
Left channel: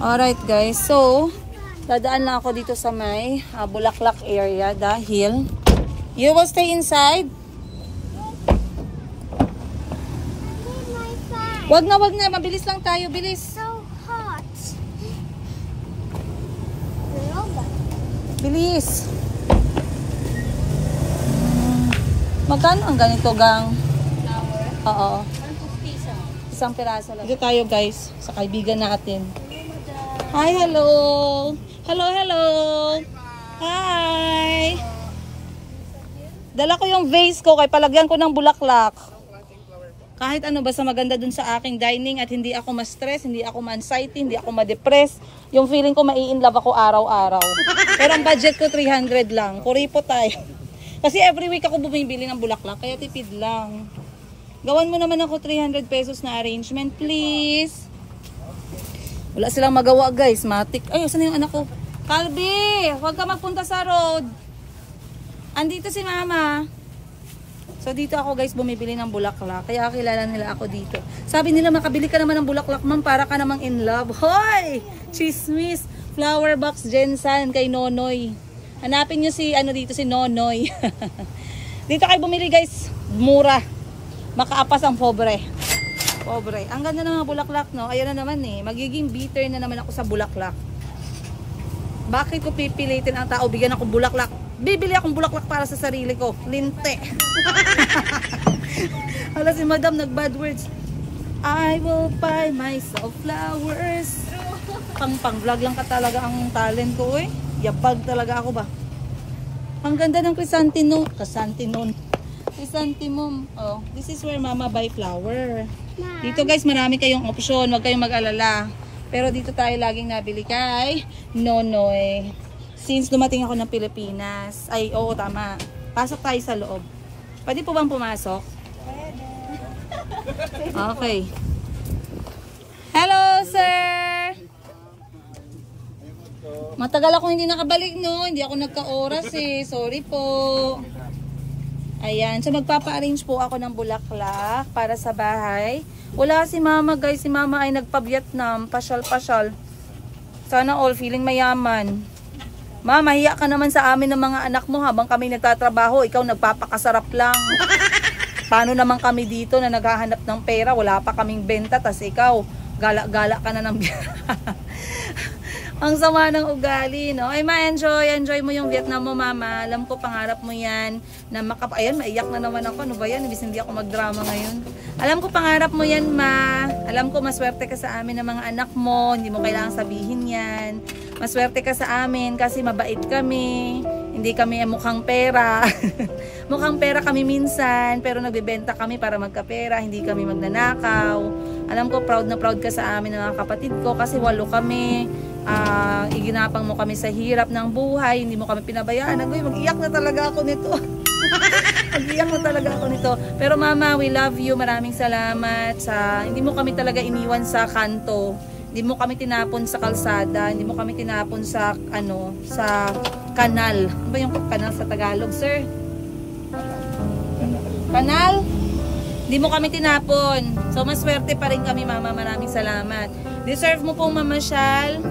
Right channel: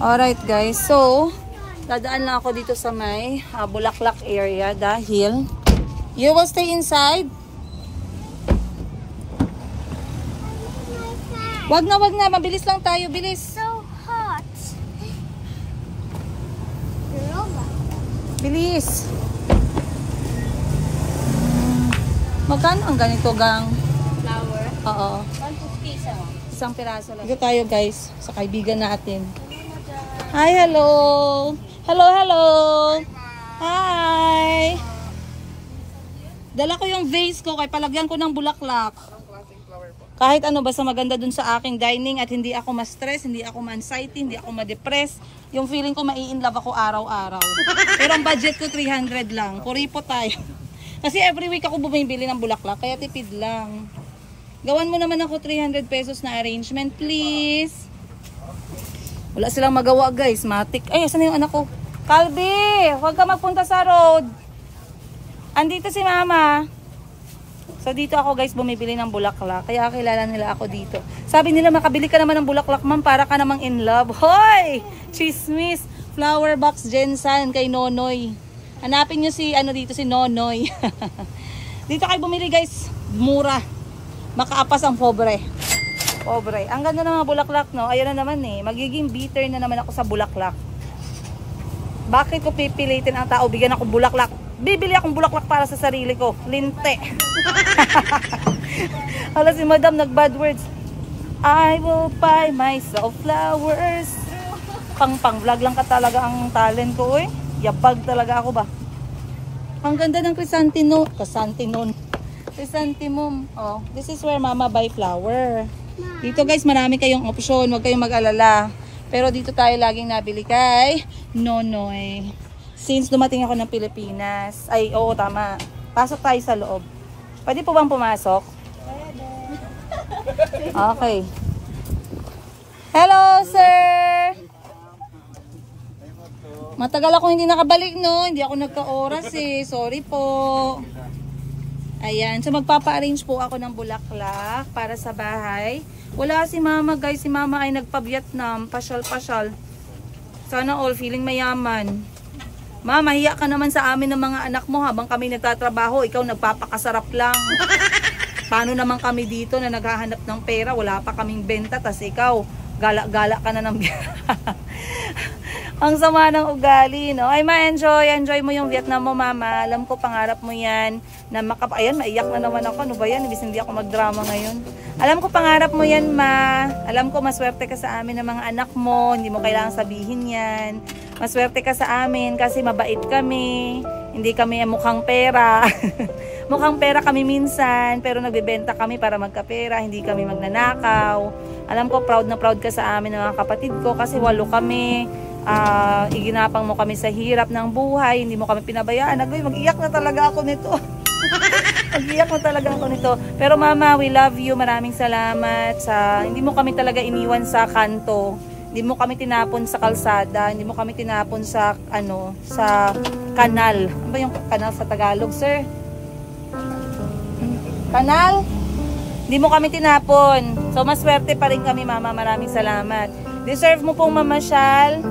Alright guys, so dadaan lang ako dito sa may Bulaklak area dahil you will stay inside. Wag na, mabilis lang tayo, bilis. So hot. Bilis. Magkano ang ganito gang? Oo. 150 isang piraso lang. Dito tayo guys, sa kaibigan natin. Hi, hello. Hello. Hi. Dala ko yung vase ko kay palagyan ko ng bulaklak. Kahit ano, basta maganda dun sa aking dining at hindi ako ma-stress, hindi ako ma-anxiety, hindi ako ma-depress. Yung feeling ko mai-inlove ako araw-araw. Pero ang budget ko 300 lang. Kuripo tayo. Kasi every week ako bumibili ng bulaklak, kaya tipid lang. Gawan mo naman ako 300 pesos na arrangement, please. Wala silang magawa guys, matik. Ay, saan yung anak ko? Calvi, huwag ka magpunta sa road. Andito si mama. So dito ako guys bumibili ng bulaklak. Kaya kilala nila ako dito. Sabi nila makabili ka naman ng bulaklak ma'am para ka namang in love. Hoy! Chismis! Flower box Jensen kay Nonoy. Hanapin nyo si dito si Nonoy. Dito kayo bumili guys. Mura. Makaapas ang pobre. Pobre. Ang ganda ng mga bulaklak, no? Ayan na naman eh. Magiging bitter na naman ako sa bulaklak. Bakit ko pipilitin ang tao? Bigyan ako bulaklak. Bibili akong bulaklak para sa sarili ko. Linte. Hala si madam, nag-bad words. I will buy myself flowers. Pang-vlog lang ka talaga ang talent ko, eh. Yabag talaga ako ba? Ang ganda ng chrysanthemum. Chrysanthemum. Oh, this is where mama buy flower. Dito guys, marami kayong option. Huwag kayong mag-alala. Pero dito tayo laging nabili kay Nonoy. Since dumating ako ng Pilipinas. Ay, oo, tama. Pasok tayo sa loob. Pwede po bang pumasok? Pwede. Okay. Hello, sir! Matagal ako hindi nakabalik, no? Hindi ako nagka-oras eh. Sorry po. Ayan. So, magpapa-arrange po ako ng bulaklak para sa bahay. Wala si mama, guys. Si mama ay nagpa-Vietnam. Pasyal-pasyal. Sana all feeling mayaman. Mama, hiya ka naman sa amin ng mga anak mo habang kami nagtatrabaho. Ikaw nagpapakasarap lang. Paano naman kami dito na naghahanap ng pera? Wala pa kaming benta. Tas ikaw, gala-gala ka na ng Ang sama ng ugali, no? Ay, enjoy mo yung Vietnam mo, mama. Alam ko, pangarap mo yan. Na ayan, maiyak na naman ako. Ano ba yan? Ibig hindi ako magdrama ngayon. Alam ko, pangarap mo yan, ma. Alam ko, maswerte ka sa amin ng mga anak mo. Hindi mo kailangang sabihin yan. Maswerte ka sa amin kasi mabait kami. Hindi kami mukhang pera. Mukhang pera kami minsan, pero nagbebenta kami para magkapera. Hindi kami magnanakaw. Alam ko, proud na proud ka sa amin ng mga kapatid ko kasi 8 kami. Iginapang mo kami sa hirap ng buhay, hindi mo kami pinabayaan. Mag-iyak na talaga ako nito. Mag-iyak na talaga ako nito. Pero mama, we love you. Maraming salamat sa hindi mo kami talaga iniwan sa kanto. Hindi mo kami tinapon sa kalsada, hindi mo kami tinapon sa sa kanal. Ano ba yung kanal sa Tagalog, sir? Kanal? Hindi mo kami tinapon. So maswerte pa rin kami, mama. Maraming salamat. Deserve mo pong mamasyal.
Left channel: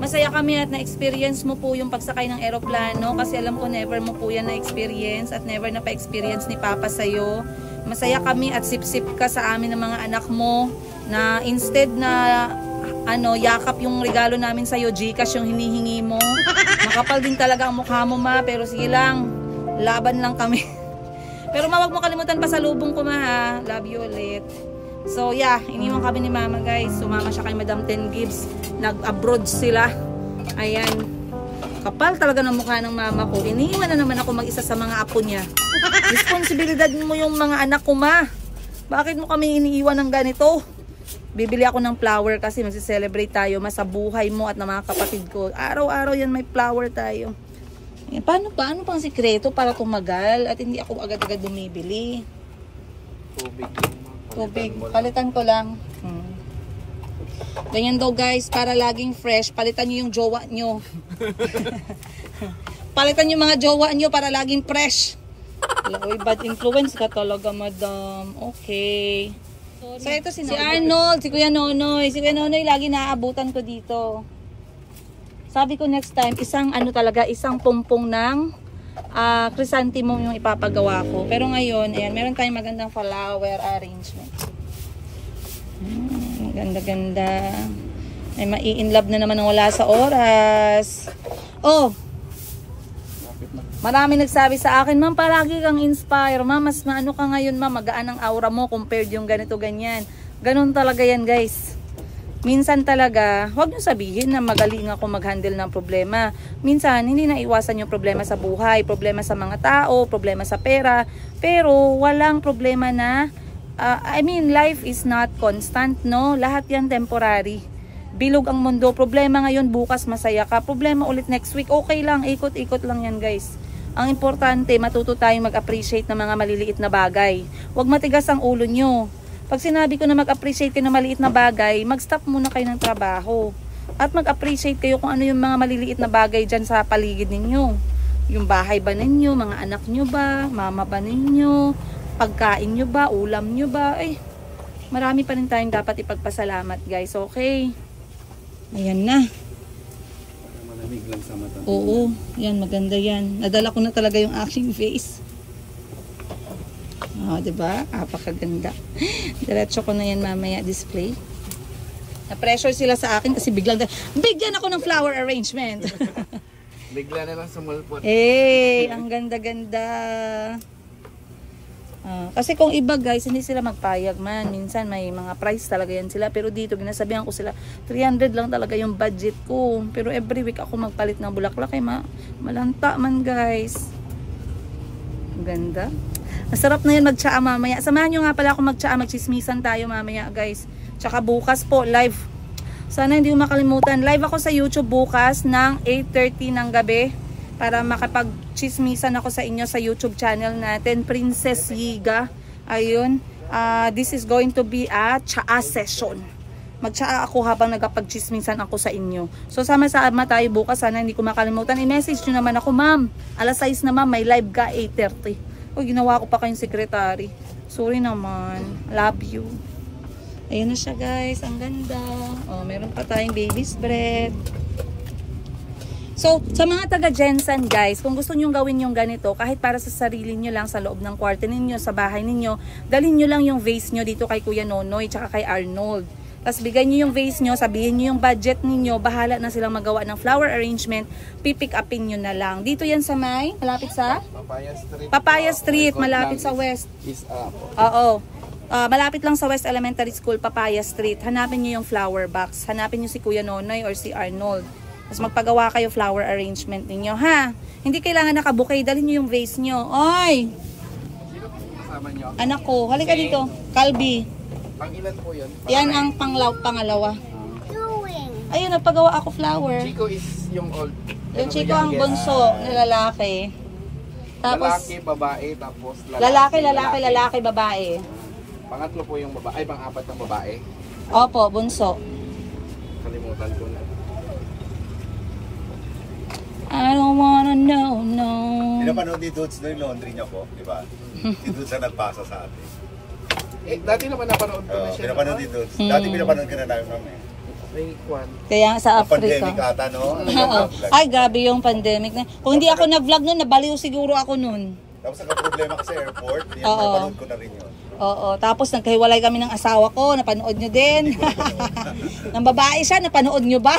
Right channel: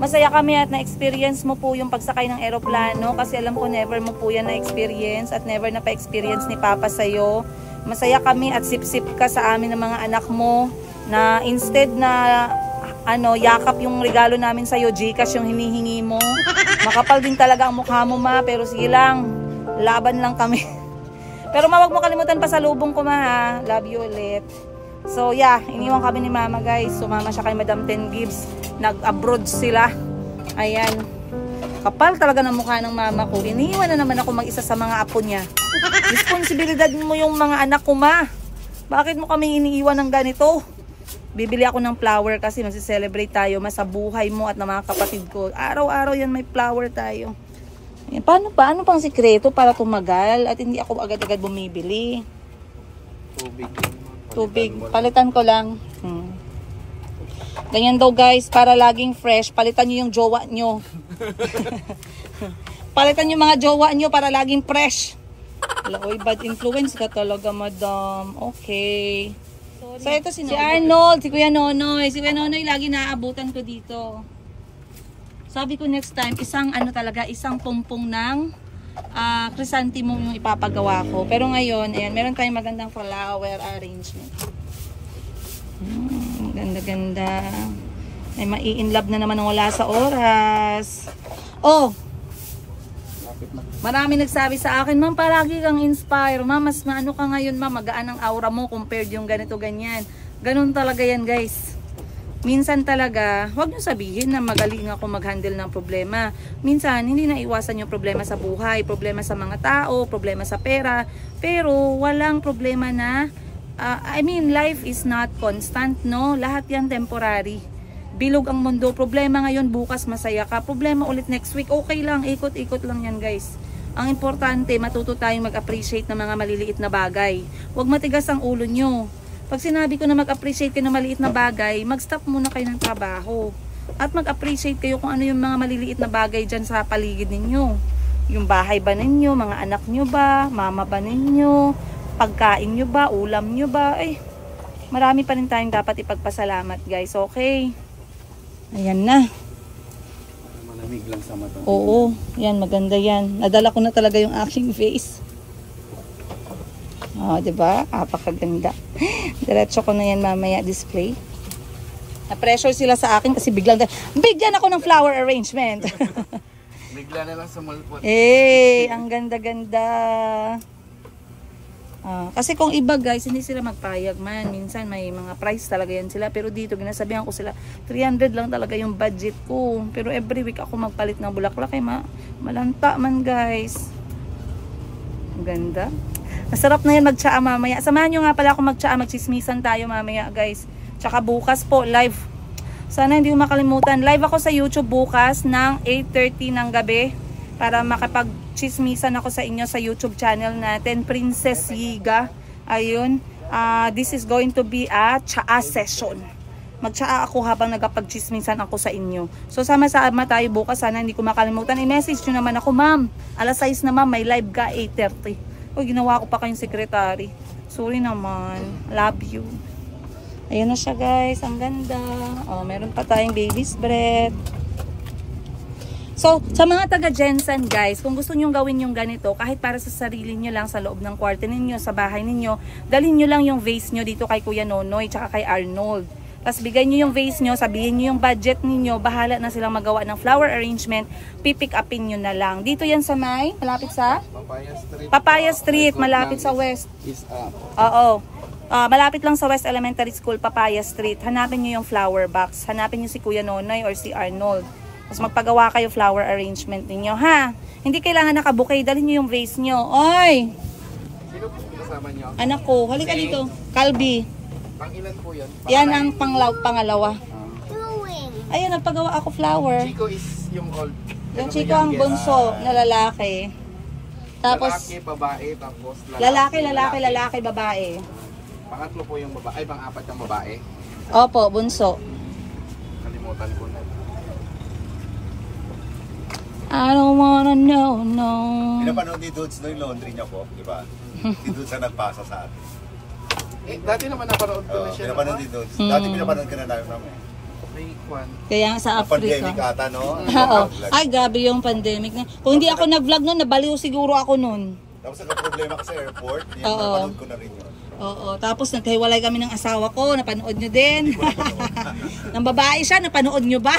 Masaya kami at na-experience mo po yung pagsakay ng eroplano kasi alam ko never mo po yan na-experience at never na pa-experience ni Papa sa'yo. Masaya kami at sip-sip ka sa amin ng mga anak mo na instead na yakap yung regalo namin sa'yo, Gcash yung hinihingi mo. Makapal din talaga ang mukha mo, ma, pero sige lang, laban lang kami. Pero wag mo kalimutan pa sa lubong ko, ma, ha. Love you ulit. So yeah, iniwan kami ni mama, guys. Sumama siya kay Madam 10 Gibbs. Nag-abroad sila. Ayan. Kapal talaga ng mukha ng mama ko. Iniwan na naman ako mag-isa sa mga apo niya. Responsibilidad mo yung mga anak ko, ma. Bakit mo kami iniiwan ng ganito? Bibili ako ng flower kasi magsi-celebrate tayo sa buhay mo at ng mga kapatid ko. Araw-araw yan may flower tayo. Ayan. Paano pang sikreto para tumagal at hindi ako agad-agad bumibili? Tubig. Palitan ko lang. Ganyan daw, guys, para laging fresh. Palitan nyo yung jowa nyo. Palitan yung mga jowa nyo para laging fresh. Uy, bad influence ka talaga, madam. Okay. So ito si Arnold, si Kuya Nonoy. Si Kuya Nonoy lagi naaabutan ko dito. Sabi ko next time, isang pumpong ng chrysanthemum yung ipapagawa ko. Pero ngayon, ayan, meron tayong magandang flower arrangement. Ganda-ganda. May mai-inlove na naman ng wala sa oras. Oh! Marami nagsabi sa akin, ma'am, palagi kang inspire. Ma'am, mas maano ka ngayon, ma'am, magaan ang aura mo compared yung ganito, ganyan. Ganun talaga yan, guys. Minsan talaga, huwag nyo sabihin na magaling ako mag-handle ng problema. Minsan, hindi na iwasan yung problema sa buhay, problema sa mga tao, problema sa pera. Pero, walang problema na, life is not constant, no? Lahat yan temporary. Bilog ang mundo. Problema ngayon, bukas masaya ka. Problema ulit next week, okay lang. Ikot-ikot lang yan, guys. Ang importante, matuto tayong mag-appreciate ng mga maliliit na bagay. Huwag matigas ang ulo nyo. Pag sinabi ko na mag-appreciate kayo ng maliit na bagay, mag-stop muna kayo ng trabaho. At mag-appreciate kayo kung ano yung mga maliliit na bagay dyan sa paligid ninyo. Yung bahay ba ninyo, mga anak nyo ba, mama ba ninyo, pagkain nyo ba, ulam nyo ba. Marami pa rin tayong dapat ipagpasalamat, guys. Okay? Ayan na. Malamig lang sa mata. Oo, yan, maganda yan. Nadala ko na talaga yung aking face. Oh, diba? Apakaganda. Diretso ko na yan mamaya display. Na-pressure sila sa akin kasi bigyan ako ng flower arrangement. Bigla na lang sa mall po. Ang ganda-ganda. Kasi kung iba, guys, hindi sila magpayag man. Minsan may mga price talaga yan sila. Pero dito, ginasabihan ko sila, 300 lang talaga yung budget ko. Pero every week ako magpalit ng bulaklak. Malanta man, guys. Ganda. Masarap na yan magtsaa mamaya. Samahan nyo nga pala ako magtsaa. Magchismisan tayo mamaya, guys. Tsaka bukas po, live. Sana hindi mo makalimutan. Live ako sa YouTube bukas ng 8:30 ng gabi. Para makapag-chismisan ako sa inyo sa YouTube channel natin, Princess Yiga. Ayun. This is going to be a tsaa session. Magtsaa ako habang nagpag-chismisan ako sa inyo. So sama-sama tayo bukas. Sana hindi ko makalimutan. I-message nyo naman ako, ma'am. Alas 6 na, ma'am. May live ka 8:30. Ginawa ko pa kayong secretary. Sorry naman. Love you. Ayan na siya, guys. Ang ganda. Meron pa tayong baby's breath. So, sa mga taga-Jensen, guys, kung gusto nyong gawin yung ganito, kahit para sa sarili nyo lang, sa loob ng kwarto ninyo, sa bahay ninyo, dalhin nyo lang yung vase nyo dito kay Kuya Nonoy, tsaka kay Arnold. Tapos bigay nyo yung vase nyo, sabihin nyo yung budget ninyo, bahala na silang magawa ng flower arrangement, pipick upin nyo na lang. Dito yan sa malapit sa? Papaya Street, malapit sa West. Oo. Malapit lang sa West Elementary School, Papaya Street. Hanapin nyo yung flower box. Hanapin nyo si Kuya Nonoy or si Arnold. Tapos magpagawa kayo flower arrangement ninyo, ha? Hindi kailangan nakabukay. Dalhin nyo yung vase nyo. Oy! Anak ko, halika dito. Kalbi. Yan ang pangalawa. Ayun, nagpagawa ako flower. Chico is yung old. Yung Chico ang bunso na lalaki. Tapos, lalaki, babae, tapos lalaki, babae. Pangatlo po yung babae. Ay, pang-apat yung babae. Opo, bunso. Kalimutan ko na. I don't wanna know, no. Pinapanood ni Dudes na yung laundry niya po, di ba? Si Dudes ang nagpasa sa atin. Eh, dati naman napanood ko na siya. Pinapanood ni Dudes. Dati pinapanood ka na namin. May kwan. Kaya sa Africa. Pandemic ata, no? Oo. Ay, grabe yung pandemic na. Kung hindi ako nag-vlog noon, nabaliw siguro ako noon. Tapos nagka-problema ka sa airport, yan, Oo. napanood ko na rin yun. Oo. Tapos nagkahiwalay kami ng asawa ko, napanood nyo din. Nang babae siya, napanood nyo ba?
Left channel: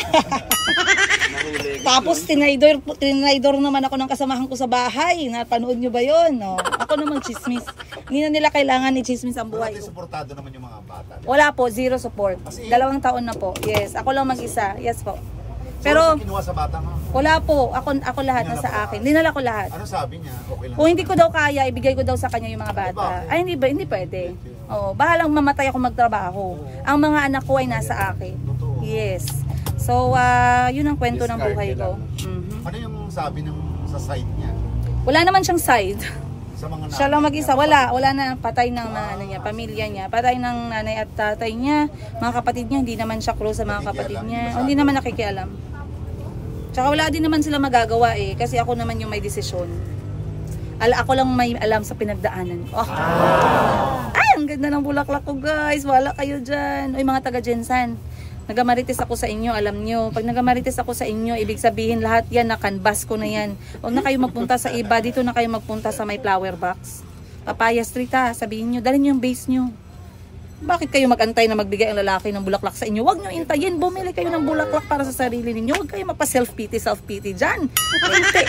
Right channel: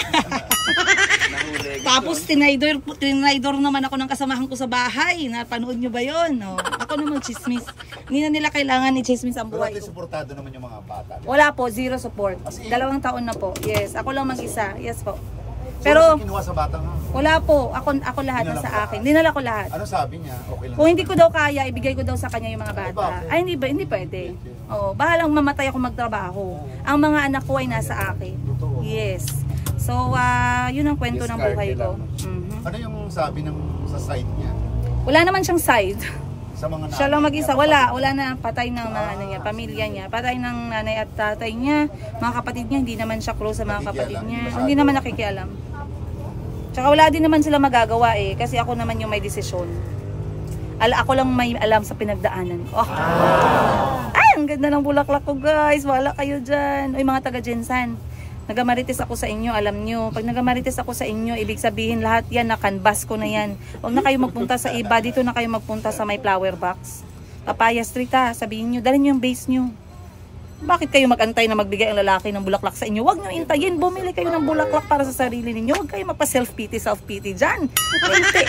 Tapos tinaydor naman ako ng kasamahan ko sa bahay. Napanood nyo ba yun? No. Ako naman chismis. Hindi na nila kailangan ni chismis ang Pero buhay natin ko. supportado naman yung mga bata. Wala po, zero support. 2 taon na po. Yes, ako lang mag-isa. Yes po. Pero Kinuha sa bata nga. wala po, ako lahat na sa akin. Dinala ko lahat. Ano sabi niya? Okay lang. Kung hindi ko daw kaya, ibigay ko daw sa kanya yung mga bata. Ay, hindi pwede. Oo, bahalang mamatay ako magtrabaho. Ang mga anak ko ay nasa akin. Yes. So, yun ang kwento ng buhay ko. Mhm. Ano yung sabi sa side niya? Wala naman siyang side. Sa mga Siya lang mag-isa. Wala na. Patay ng mga pamilya niya. Patay ng nanay at tatay niya. Mga kapatid niya, hindi naman siya close sa mga kapatid niya. O, hindi naman nakikialam. Tsaka wala din naman sila magagawa eh. Kasi ako naman yung may desisyon. Ako lang may alam sa pinagdaanan ko. Ay, ang ganda ng bulaklak ko guys. Wala kayo dyan. Uy, mga taga-Jensan. Nagamarites ako sa inyo, alam nyo. Pag nagamarites ako sa inyo, ibig sabihin lahat yan, na-canvas ko na yan. Huwag na kayo magpunta sa iba. Dito na kayo magpunta sa may flower box. Papaya Street ha, sabihin nyo. Dalhin nyo yung base nyo. Bakit kayo magantay na magbigay ang lalaki ng bulaklak sa inyo? Huwag nyo intayin. Bumili kayo ng bulaklak para sa sarili ninyo. Huwag kayo mapa-self-pity dyan. Hindi.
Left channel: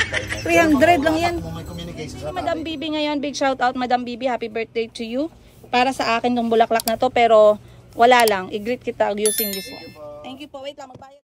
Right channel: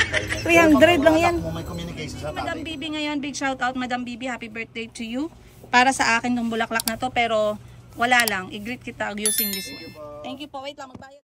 300 lang yan. Kung may communication sa Madam tatay. Bibi ngayon, big shout out Madam Bibi, happy birthday to you. Para sa akin tong bulaklak na to, pero wala lang. I-greet kita using this one. Thank you po. Wait lang, magbayad.